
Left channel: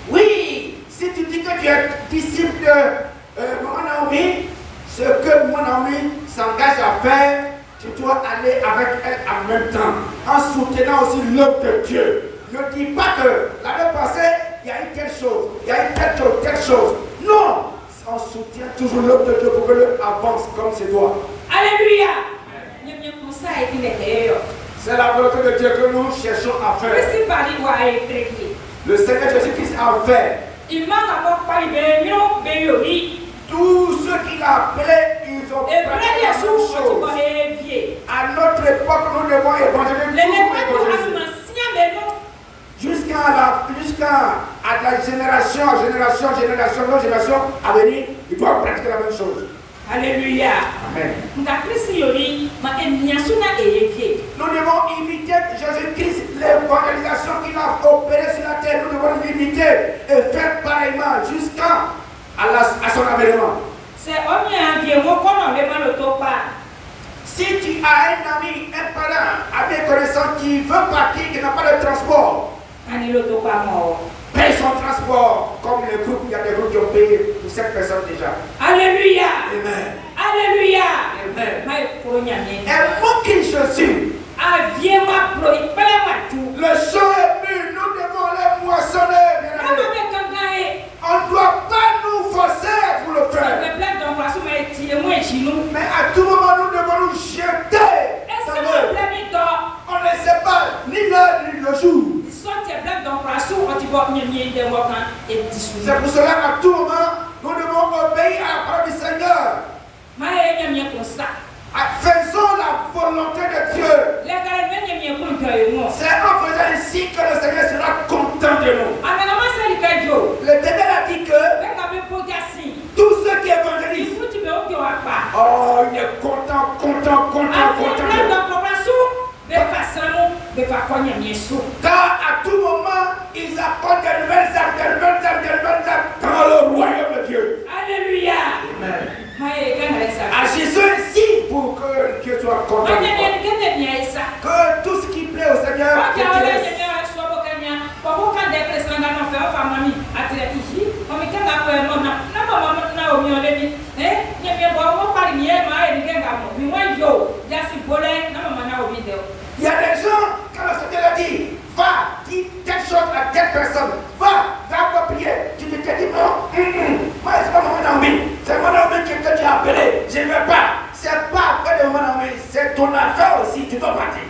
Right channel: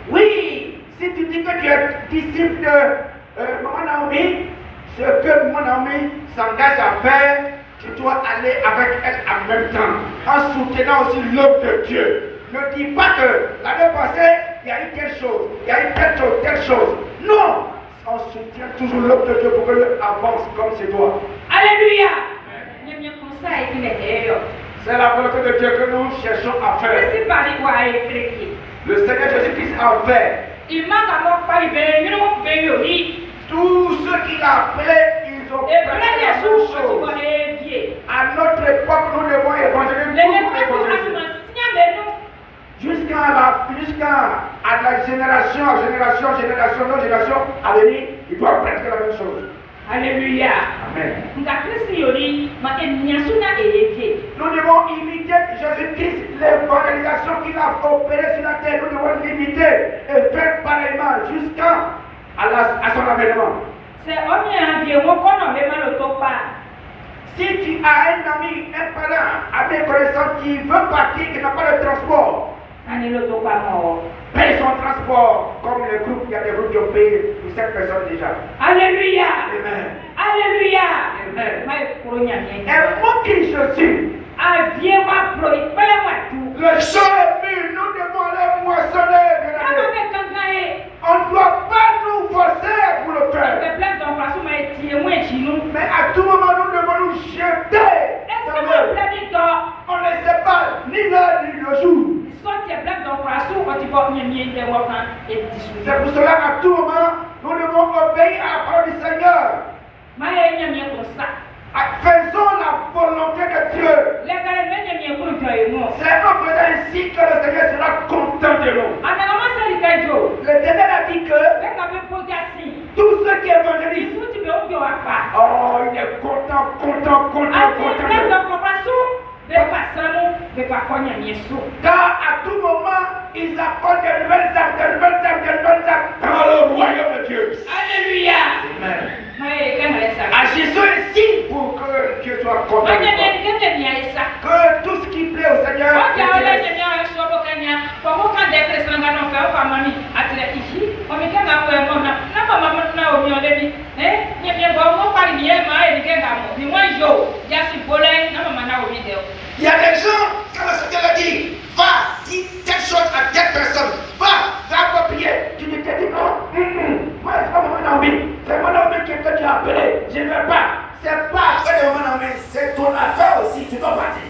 Oui, si tu dis que tu es disciple de maman Naomi, ce que maman Naomi s'engage à faire, tu dois aller avec elle en même temps, en soutenant aussi l'œuvre de Dieu. Ne dis pas que l'année passée, il y a eu telle chose, il y a eu telle chose. Non, on soutient toujours l'œuvre de Dieu pour que l'œuvre avance comme c'est doit. Alléluia. C'est la volonté de Dieu que nous cherchons à faire. Le Seigneur Jésus-Christ a fait. Tous ceux qu'il a appelés, ils ont fait la même chose. À notre époque, nous devons évangéliser. Jusqu'à la génération à venir, ils doivent pratiquer la même chose. Alléluia. Amen. Nous devons imiter Jésus-Christ, l'évangélisation qu'il a opérée sur la terre. Nous devons l'imiter et faire pareillement jusqu'à son avènement. Si tu as un ami, un parent, un connaissant qui veut partir, qui n'a pas de transport, paye son transport. Comme les groupes, il y a des groupes qui ont payé pour cette personne déjà. Alléluia. Amen. Alléluia. Amen. Et mon Christ Jésus, le champ est mûr, nous devons aller moissonner. On ne doit pas nous forcer pour le faire. Mais à tout moment, nous devons nous jeter. On ne sait pas ni l'heure ni le jour. C'est pour cela qu'à tout moment, nous devons obéir à la parole du Seigneur. Faisons la volonté de Dieu. C'est en faisant ainsi que le Seigneur sera content de nous. L'Éternel a dit que tous ceux qui évangélisent, oh, il est content apporte de nouvelles âmes dans le royaume de Dieu. Alléluia. Amen. À Agissons ici pour que Dieu soit content. Que tout ce qui plaît au Seigneur t'intéresse. Il y a des gens, quand le Seigneur a dit, va, dis telle chose à telle personne, va prier. Tu te dis non, moi c'est pas mon ami, c'est mon ami que tu as appelé, je ne veux pas. C'est pas après de mon ami, c'est ton affaire aussi, tu dois partir.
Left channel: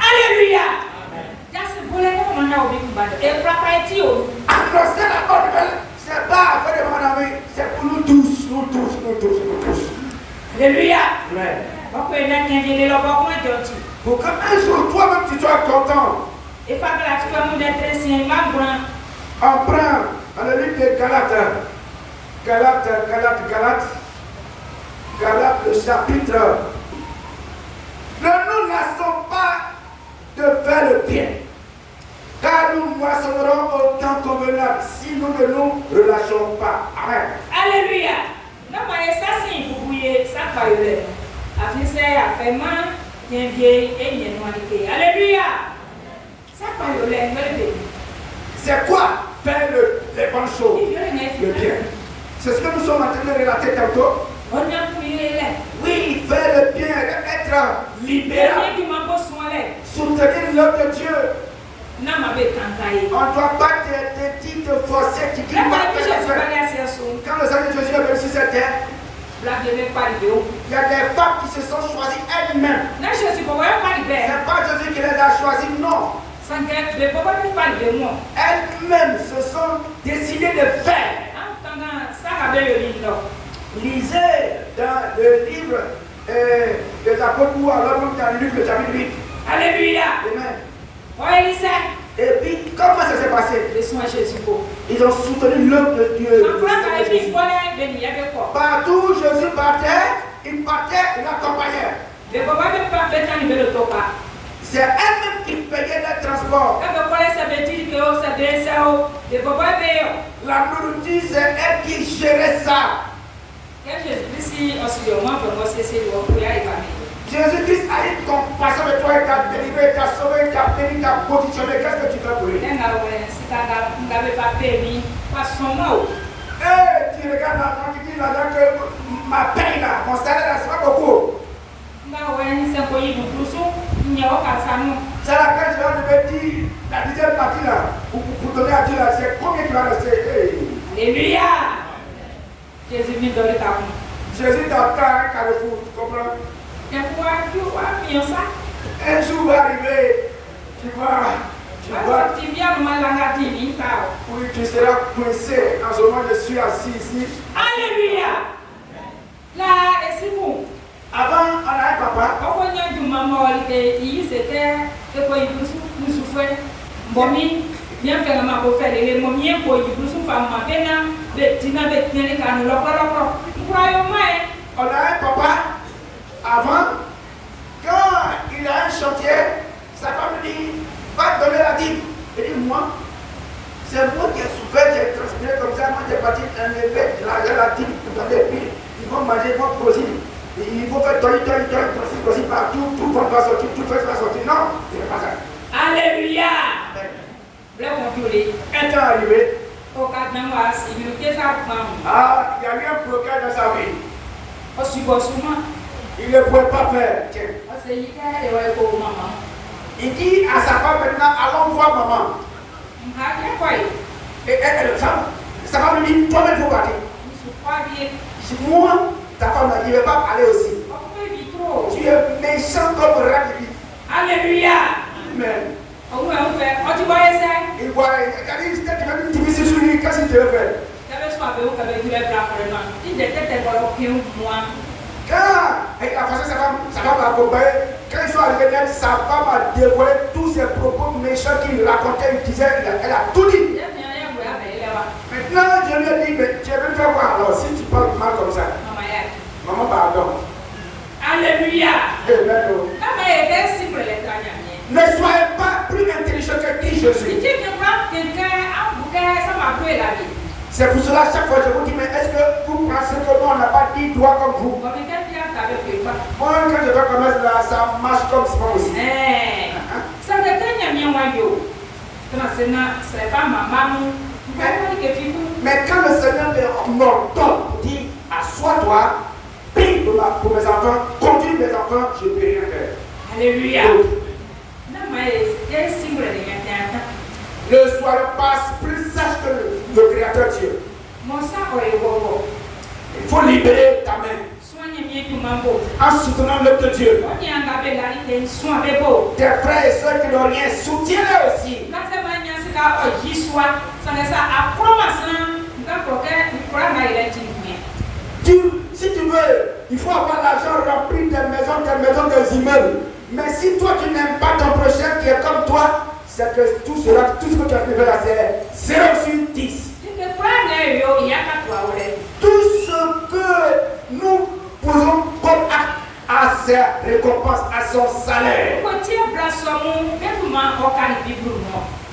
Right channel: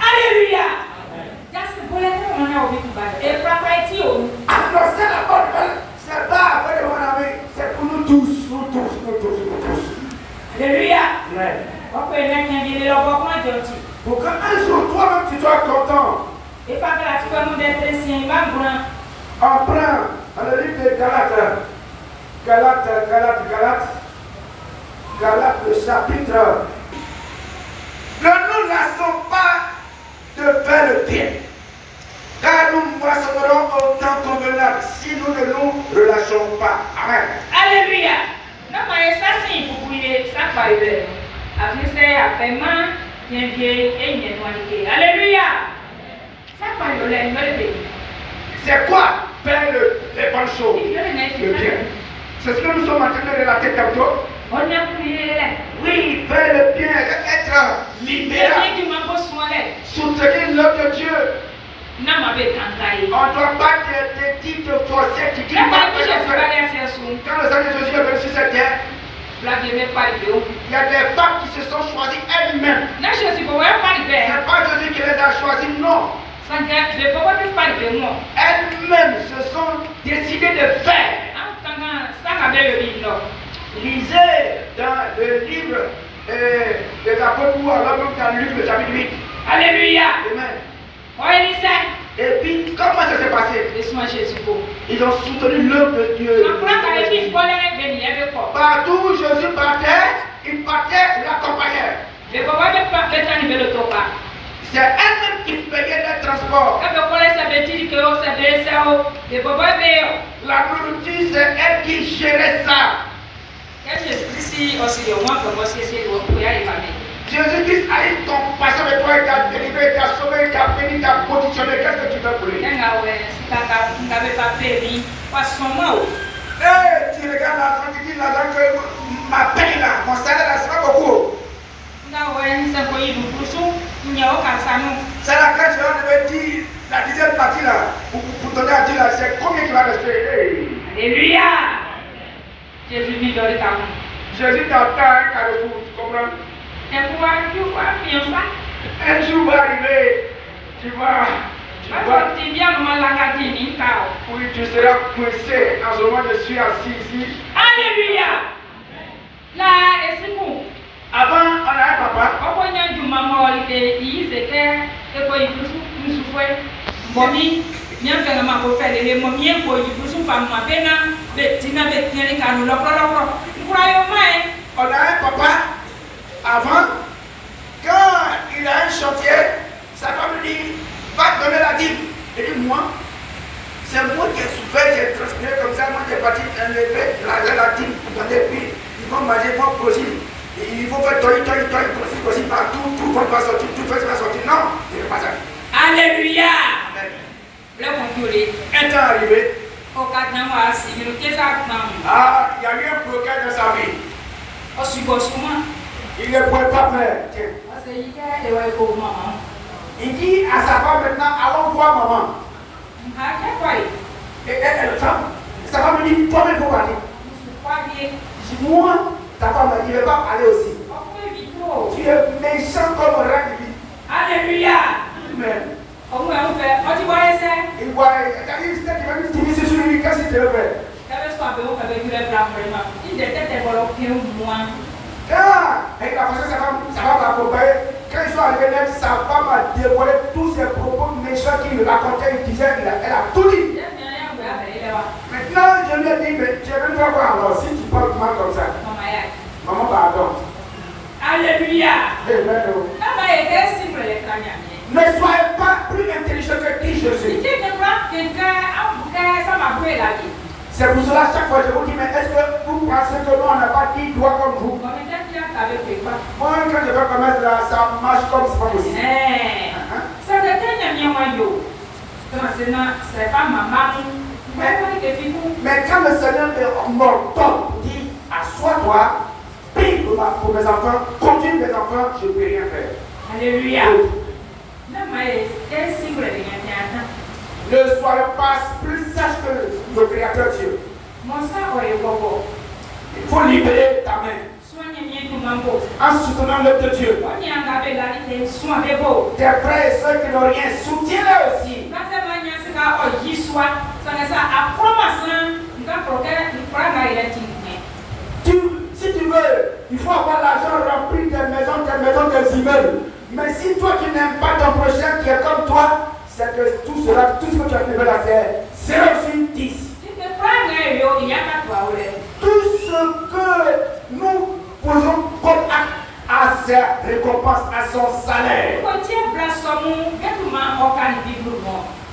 Alléluia. Annoncer la bonne nouvelle, c'est pas après de mon ami, c'est pour nous tous. Alléluia. Amen. Alléluia. Pour qu'un jour, toi-même, tu sois content. On prend dans le livre de Galates, le chapitre. Ne nous lassons pas de faire le bien, car nous moissonnerons au temps convenable si nous ne nous relâchons pas. Amen. Alléluia. Non, mais ça, c'est pour bouiller, ça va y Alléluia. C'est quoi faire les bonnes choses, le bien? C'est ce que nous sommes en train de relater tantôt. Oui, faire le bien, être libéral, soutenir l'œuvre de Dieu. On ne doit pas te forcer, te dire quand le Seigneur Jésus est venu sur cette terre, il y a des femmes qui se sont choisies elles-mêmes. C'est pas Jésus qui les a choisies, non. Elles-mêmes se sont décidées de faire. Lisez dans le livre de l'apôtre Paul, dans Luc, le chapitre 8. Alléluia. Amen. Et puis, comment ça s'est passé? Ils ont soutenu l'œuvre de Dieu. Partout où Jésus partait, il partait, l'accompagnait. C'est elle-même qui payait le transport. La nourriture, c'est elle qui gérait ça. Jésus-Christ a eu compassion de toi, il t'a délivré, il t'a sauvé, il t'a béni, il t'a positionné. Qu'est-ce que tu fais pour lui? Tu regardes l'argent, tu dis l'argent que ma paye là, mon salaire là, c'est pas beaucoup. C'est là quand je devais dire la dixième partie là, pour donner à Dieu là, c'est combien qui va rester? Hey. Alléluia. Jésus t'attend un carrefour, tu comprends? Un jour va arriver, tu seras coincé en ce moment, je suis assis ici. Alléluia. Là, et c'est bon. Avant, on a un papa. On a un papa. Avant, quand il a un chantier, sa femme lui dit, va te donner la dîme. Il dit, moi, c'est moi qui ai souffert, j'ai transpiré comme ça, moi j'ai parti enlever la dîme pour donner, puis ils vont manger, ils vont produire. Il faut faire possible partout, tout va sortir, tout va sortir. Non, il n'est pas ça. Alléluia. Un temps arrivé. Ah, il y a eu un progrès dans sa vie. Il ne pouvait pas faire. Il dit à sa femme maintenant, allons voir maman. Et sa femme lui dit, toi-même il faut partir. Moi, ta femme il ne va pas parler aussi. Tu es méchant comme rat. Alléluia. Amen. Il voit, tu me dis sur lui, qu'est-ce que tu veux faire? Quand il a fait sa femme l'accompagne, quand ils sont arrivés là, sa femme a dévoilé tous ses propos méchants qu'il racontait, il disait, elle a tout dit. Maintenant, je lui ai dit, mais tu es même pas voir alors, si tu parles mal comme ça. Maman, pardon. Alléluia. Amen. Ne soyez pas plus intelligent que qui je suis. C'est pour cela, chaque fois, je vous dis, mais est-ce que vous pensez que nous, on n'a pas dit droit comme vous? Moi, quand je vais commettre là, ça marche comme ça aussi. Mais quand le Seigneur m'ordonne, dit, assois-toi, prie pour mes enfants, conduis mes enfants, je ne peux rien faire. Alléluia. Ne sois pas plus sage que le Créateur Dieu. Il faut libérer ta main en soutenant l'œuvre de Dieu. Tes frères et soeurs qui n'ont rien, soutiens-les aussi. Si tu veux, il faut avoir l'argent rempli des maisons, des immeubles. Mais si toi tu n'aimes pas ton prochain qui est comme toi, c'est que tout ce que tu as fait là, c'est 0 sur 10. Tout ce que nous posons comme acte à sa récompense, à son salaire.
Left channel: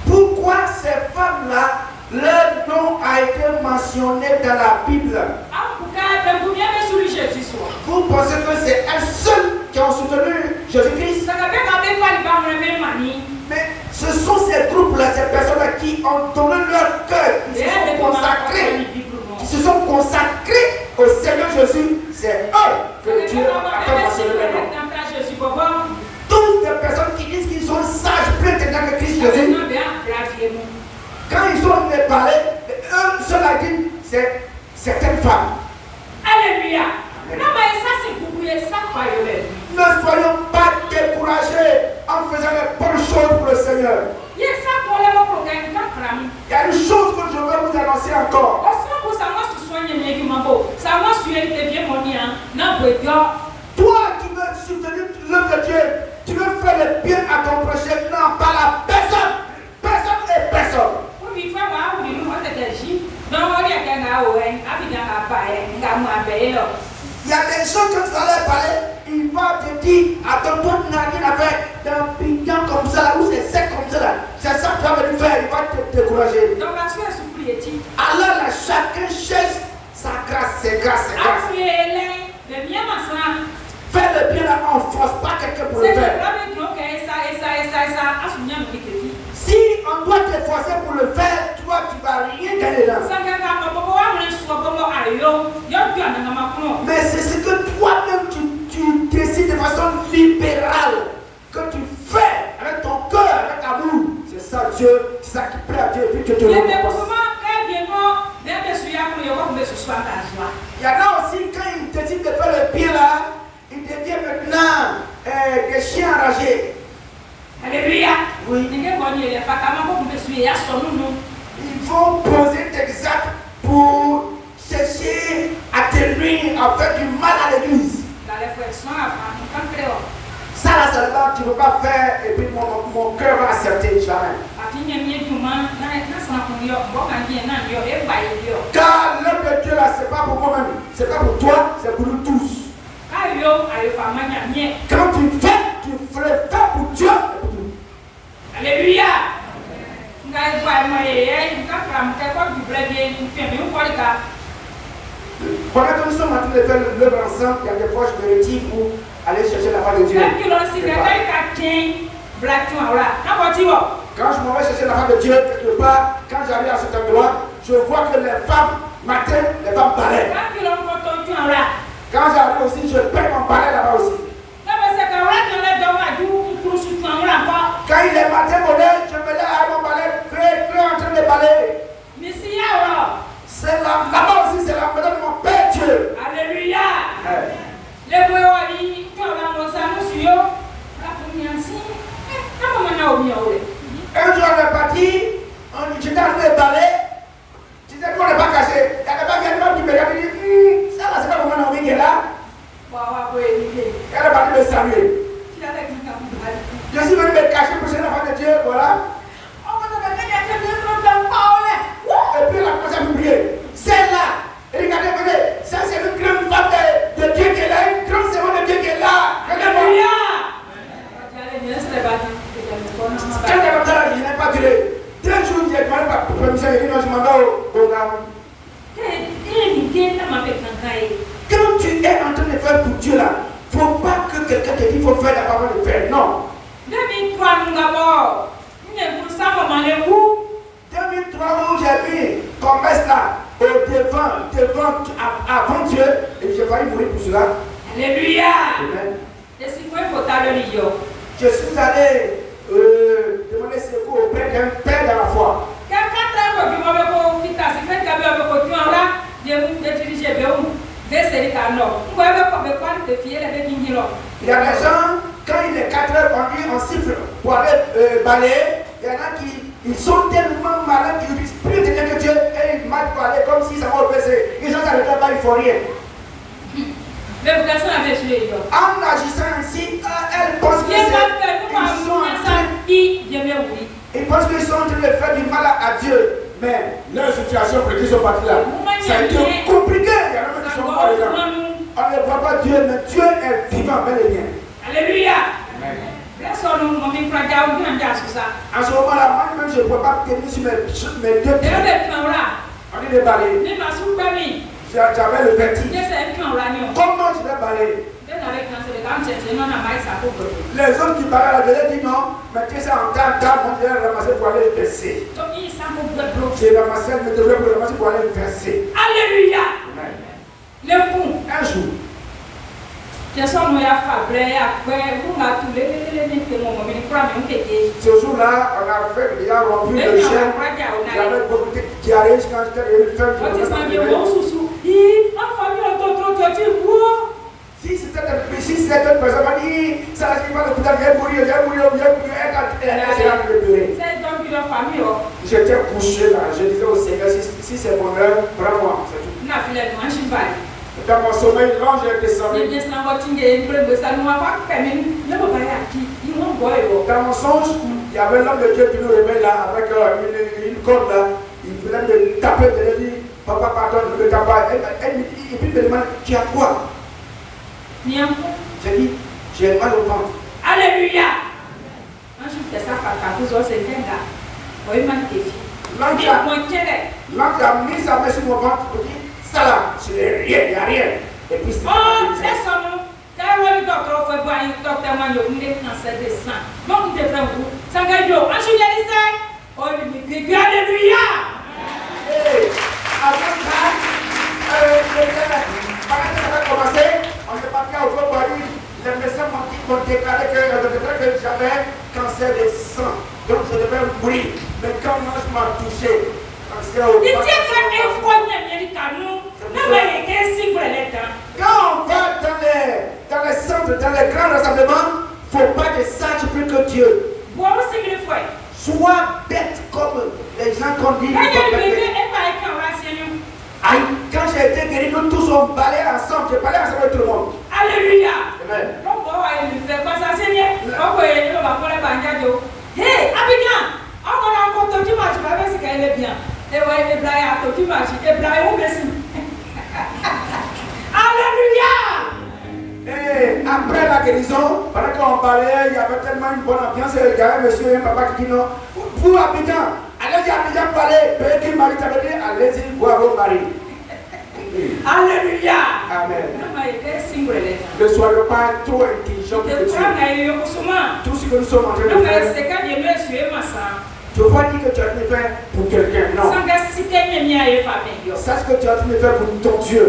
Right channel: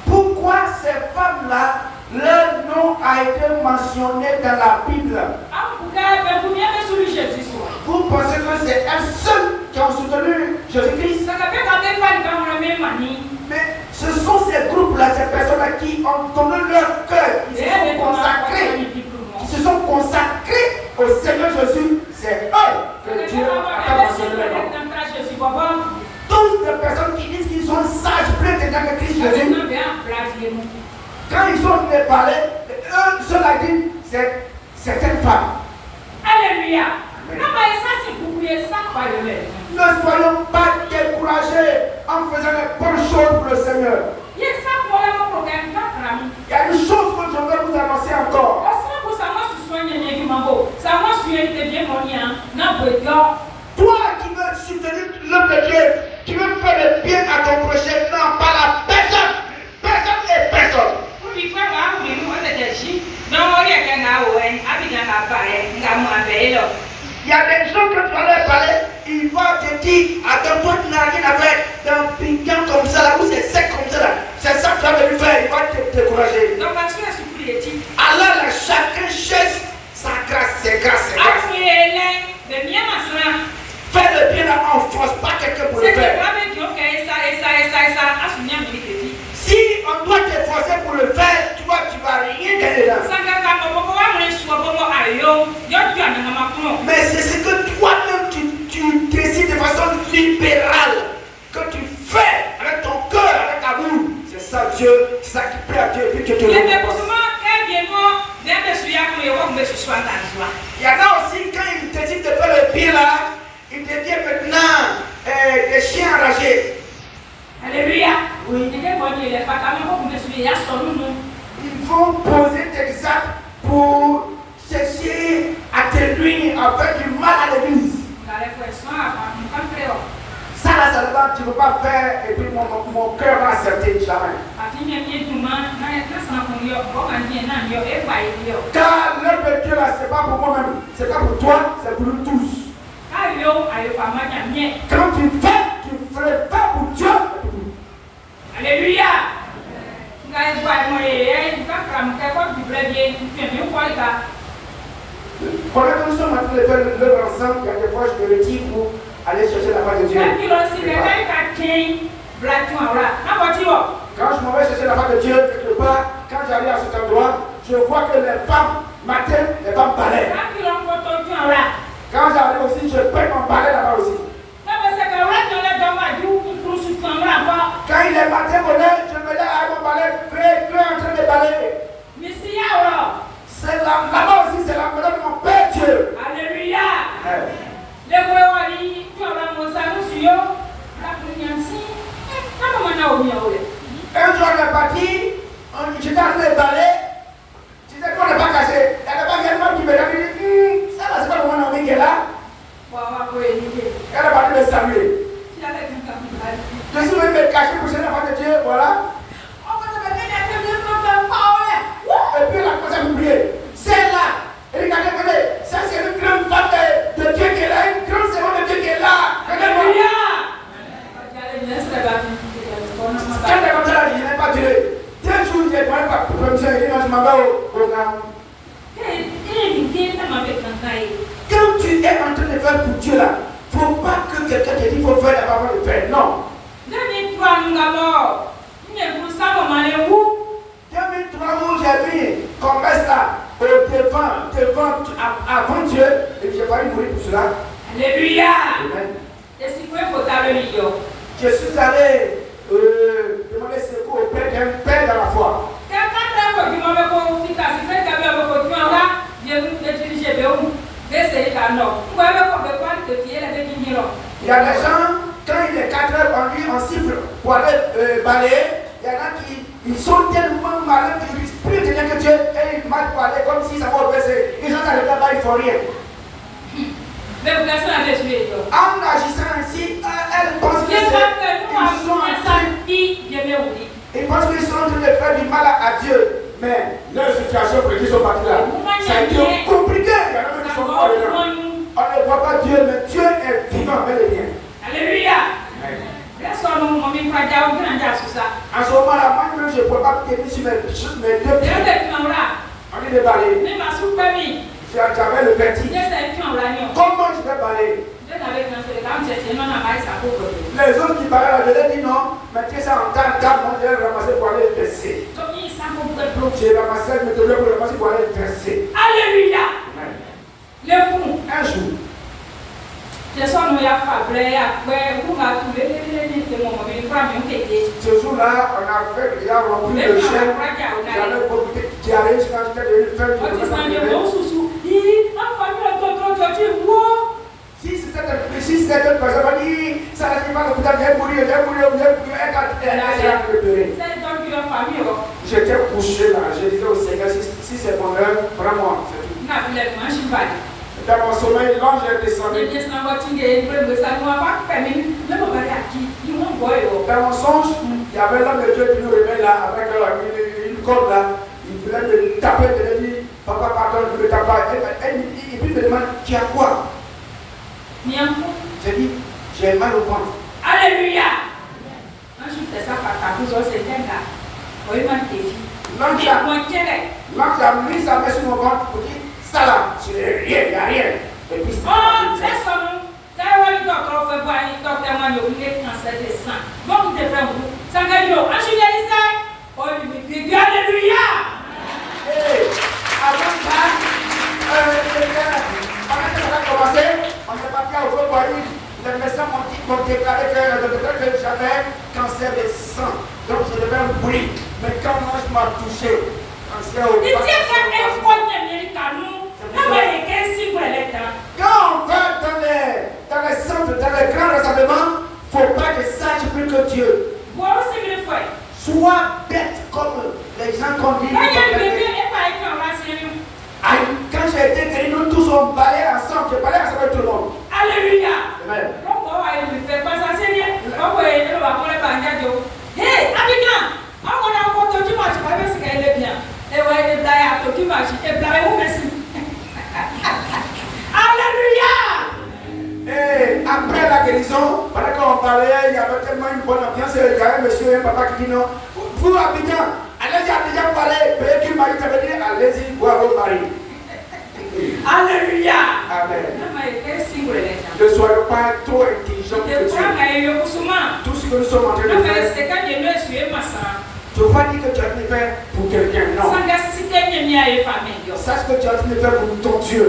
Pourquoi ces femmes-là, leur nom a été mentionné dans la Bible? Vous pensez que c'est elles seules qui ont soutenu Jésus-Christ? Mais ce sont ces groupes-là, ces personnes-là qui ont donné leur cœur, qui se sont consacrés au Seigneur Jésus. C'est eux que Dieu a fait mentionner leur nom. Toutes les personnes qui disent qu'ils sont sages, plus intelligents que Christ Jésus, quand ils ont parlé, eux cela dit, c'est certaines femmes. Alléluia. Ne soyons pas découragés en faisant les bonnes choses pour le Seigneur. Il y a une chose que je veux vous annoncer encore. Toi qui veux soutenir l'œuvre de Dieu, tu veux faire le bien à ton prochain, non pas la personne. Personne et personne. Il y a des gens que tu vas leur parler, ils vont te dire, attends-toi, tu n'as rien à faire d'un piquant comme ça, là, ou c'est sec comme ça, là. C'est ça que tu vas venir faire, ils vont te décourager. Alors, là, chacun cherche sa grâce, c'est grâce, c'est grâce. Fais le bien là, on ne force pas quelqu'un pour le faire. Si on doit te forcer pour le faire, toi, tu ne vas rien gagner là. Mais c'est ce que toi-même tu décides de façon libérale, que tu fais avec ton cœur, avec amour. C'est ça Dieu, c'est ça qui plaît à Dieu et puis tu te récompense. Il y en a aussi, quand ils décident de faire le bien là, ils deviennent maintenant des chiens enragés. Alléluia. Oui. Ils vont poser des actes pour chercher à détruire, à faire du mal à l'église. Ça là, tu ne peux pas faire et puis mon cœur va accepter jamais. Car l'œuvre de Dieu là, c'est pas pour moi-même, c'est pas pour toi, c'est pour nous tous. Quand tu fais, tu ferais faire pour Dieu. Alléluia. Pendant que nous sommes en train de faire l'œuvre ensemble, il y a des fois je me retire pour aller chercher la face de Dieu. Quand je m'en vais chercher la face de Dieu, quelque part, quand j'arrive à cet endroit, je vois que les femmes m'attendent, les femmes balaient. Quand j'arrive aussi, je peins mon balai là-bas aussi. Quand il est matin, je me lève à mon balai, prêt en train de balayer. C'est là-bas aussi, c'est la maison de mon Père Dieu. Alléluia. Un jour, on est parti, j'étais en train de balayer. Tu sais qu'on n'est pas caché. Il y a pas quelqu'un qui me regarde et dit, ça là, c'est pas mon ami qui est là. ça, il dit non, je m'en vais au programme. Quand tu es en train de faire pour Dieu là, il ne faut pas que quelqu'un te dise qu'il faut faire la parole de Père. Non. 2003 où j'ai mis commerce là, devant, avant Dieu, et j'ai failli mourir pour cela. Alléluia. Amen. Je suis allé demander secours au Père d'un père dans la foi. Il y a des gens, quand il est 4 heures, on lui en siffle pour aller balayer. Il y en a qui ils sont tellement malins qu'ils disent plus de que Dieu et ils mal parler comme si ça va opérer. Les gens n'arrêtent pas, ils font rien. Mais vous avez tué. En agissant ainsi, elles pensent qu'ils pensent qu'ils sont en train de faire du mal à Dieu. Mais leur situation pour qu'ils sont partis là, ça a été compliqué. Il y a même des gens pas dedans. On ne voit pas Dieu, mais Dieu est vivant, bel et bien. Alléluia. En ce moment-là, moi-même, je ne peux pas tenir sur mes deux pieds. On est déballé. J'avais le vertige. Comment je vais balayer? Les autres qui balaient, je leur ai dit non, mettez ça en table, moi je vais ramasser pour aller le verser. J'ai ramassé, mais je vais ramasser pour aller le verser. Alléluia. Un jour, ce jour-là, on a fait déjà rempli le chien. J'avais beaucoup de diarrhée quand j'étais devenu femme. Si c'était une personne qui dit ça ne pas le coup j'ai mourir, j'étais couché là, je disais au Seigneur, si c'est mon heure, prends-moi. Dans mon sommeil, là, j'ai descendu. Dans mon songe, il y avait l'homme de Dieu qui nous réveille là, avec une corde là. Il voulait me taper, il me dit, papa, pardon, je ne me tape pas. Et puis il me demande, tu as quoi? J'ai dit, j'ai mal au ventre. Alléluia. Quand je fais ça, c'est bien là. L'homme a mis sa main sur mon ventre pour dire, ça là, c'est rien, il n'y a rien. Et puis c'est Alléluia. On est parti à Oklahoma. Les médecins m'ont déclaré que j'avais cancer de sang. Donc je devais mourir. Mais quand moi je m'ai touché, cancer au sang. Quand on va dans les centres, dans les grands rassemblements, il ne faut pas que sache plus que Dieu. Sois bête comme les gens qu'on dit. Quand j'ai été guéri, nous tous on balayait ensemble. Je balayais ensemble avec tout le monde. Alléluia. Amen. Hey, Abidjan, on a encore tout le monde, tu vas voir ce qu'elle est bien. Et ouais, les blagues à tout le monde, et blagues où merci. Alléluia. Et après la guérison, pendant qu'on parlait, il y avait tellement une bonne ambiance. Il y avait un monsieur et un papa qui dit non. Vous, Abidjan, allez-y Abidjan parler. Père qui m'a dit, allez-y voir vos maris. Alléluia. Amen. Ne soyez pas trop intelligents pour Dieu. Tout ce que nous sommes en train de faire, tu ne veux pas dire que tu as train de faire pour quelqu'un, non. Sache que tu as train de faire pour ton Dieu.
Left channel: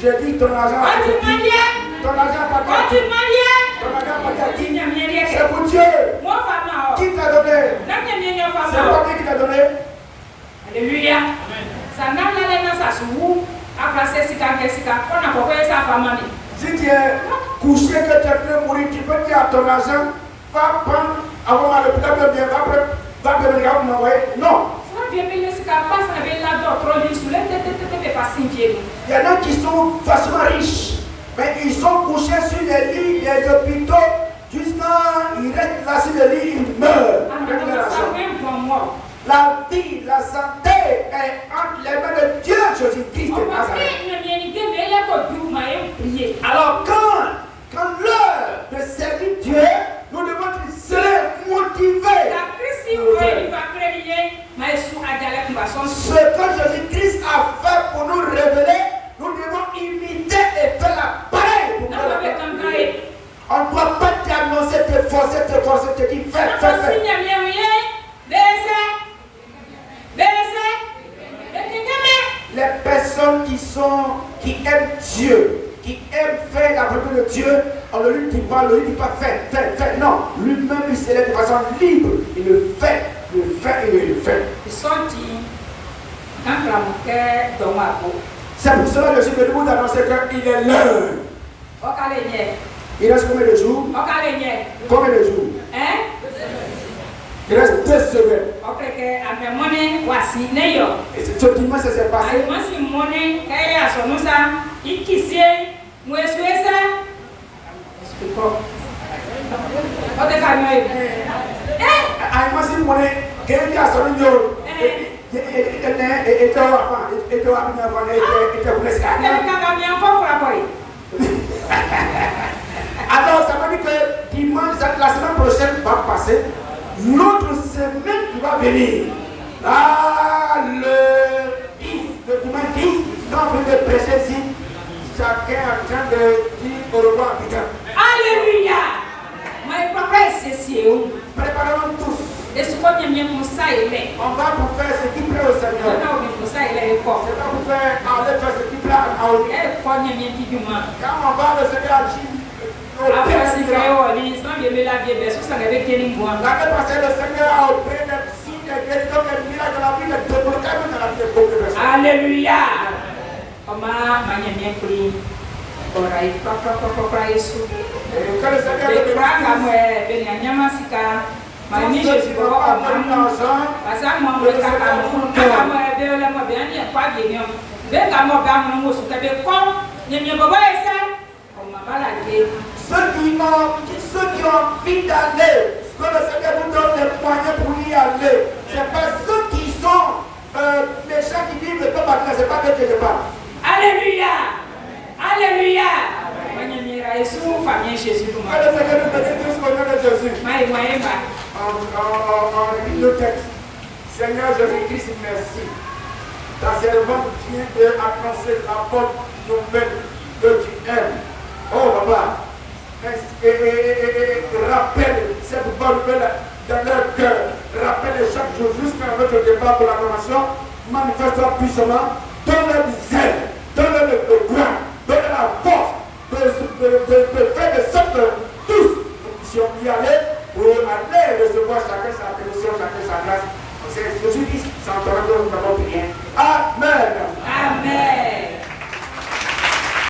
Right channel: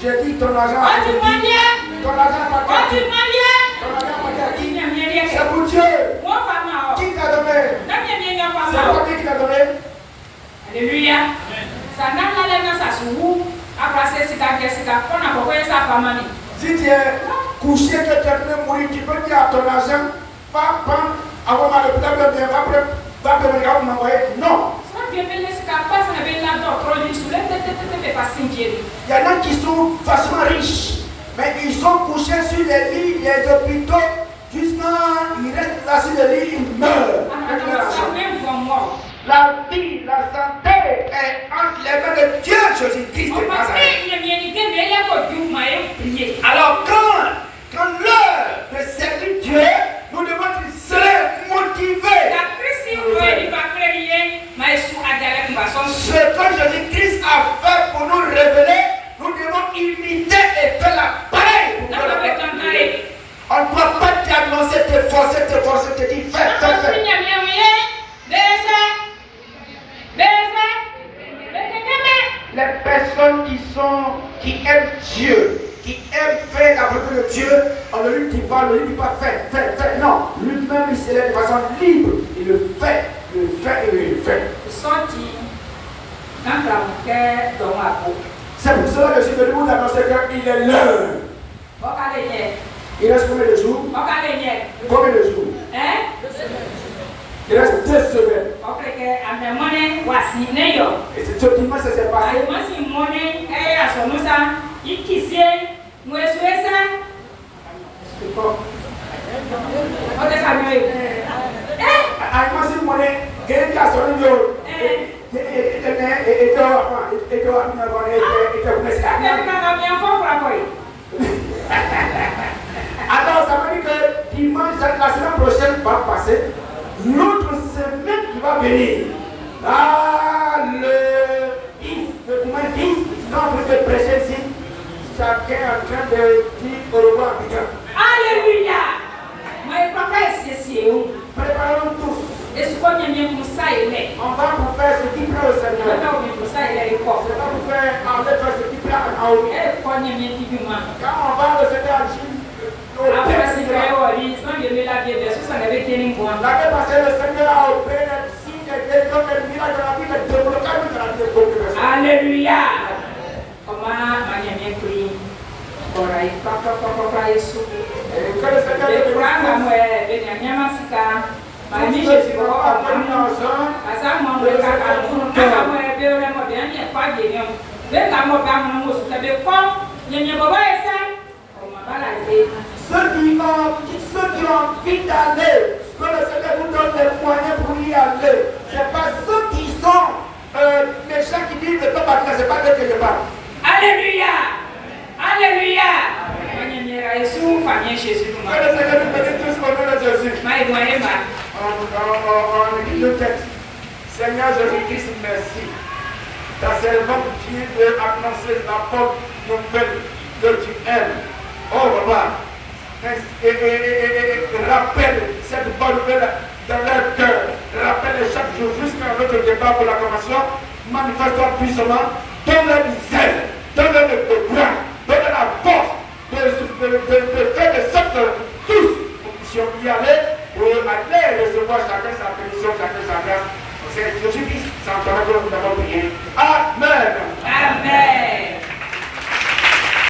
J'ai dit ton argent c'est pour Dieu. Qui t'a donné? C'est pas lui qui t'a donné. Alléluia. Si tu es couché, que tu es venu mourir, tu peux dire à ton argent, va prendre avant ma l'hôpital, va venir m'envoyer. Non. Il y en a qui sont facilement riches, mais ils sont couchés sur les lits des hôpitaux jusqu'à ils restent là sur les lits, ils meurent. La vie, la santé est entre les mains de Dieu, Jésus-Christ de Nazareth. Alors quand l'heure de servir Dieu, nous devons être motivés. Ce que Jésus-Christ a fait pour nous révéler, nous devons imiter et faire la pareille. On ne doit pas t'annoncer, te forcer, te dire fais. Les personnes qui aiment Dieu, qui aiment faire la volonté de Dieu, on ne lui dit pas, fais. Non, lui-même il se lève de façon libre. Il le fait. Il c'est pour cela que je vais vous annoncer qu'il est l'heure. Il reste combien de jours? Combien de jours? Il reste 2 semaines. Et c'est ce dimanche que c'est passé. Alors ça veut dire que dimanche, la semaine prochaine va passer. L'autre semaine qui va venir, le 10, quand on veut prêcher ici, chacun est en train de dire au revoir à quelqu'un. Alléluia! Préparons tous. On va pour faire ce qui plaît au Seigneur. C'est pas pour faire ce qui plaît à Naomi. Quand on va le Seigneur agir. L'année passée, le Seigneur a opéré des signes, des guérisons, des miracles dans la vie, des déblocages dans la vie de beaucoup de personnes. Alléluia! Et que le Seigneur te bénisse. Tous ceux qui n'ont pas donné l'argent, ceux qui ont envie d'aller, que le Seigneur vous donne des moyens pour y aller. C'est pas ceux qui sont méchants qui disent ne pas partir, c'est pas eux que je parle. Alléluia! Alléluia! Que le Seigneur nous bénisse tous au nom de Jésus. On lit le texte. Seigneur Jésus-Christ, merci. Ta servante vient d'annoncer la bonne nouvelle que tu aimes. Oh papa, et rappelle cette bonne nouvelle dans leur cœur. Rappelle chaque jour jusqu'à notre départ pour l'acclamation. Manifeste-toi puissamment. Donne-leur du zèle, donne-leur le courage, donne-leur la force de faire de sorte que tous nous puissions y aller pour aller recevoir chacun sa bénédiction, chacun sa grâce. C'est Jésus-Christ, c'est en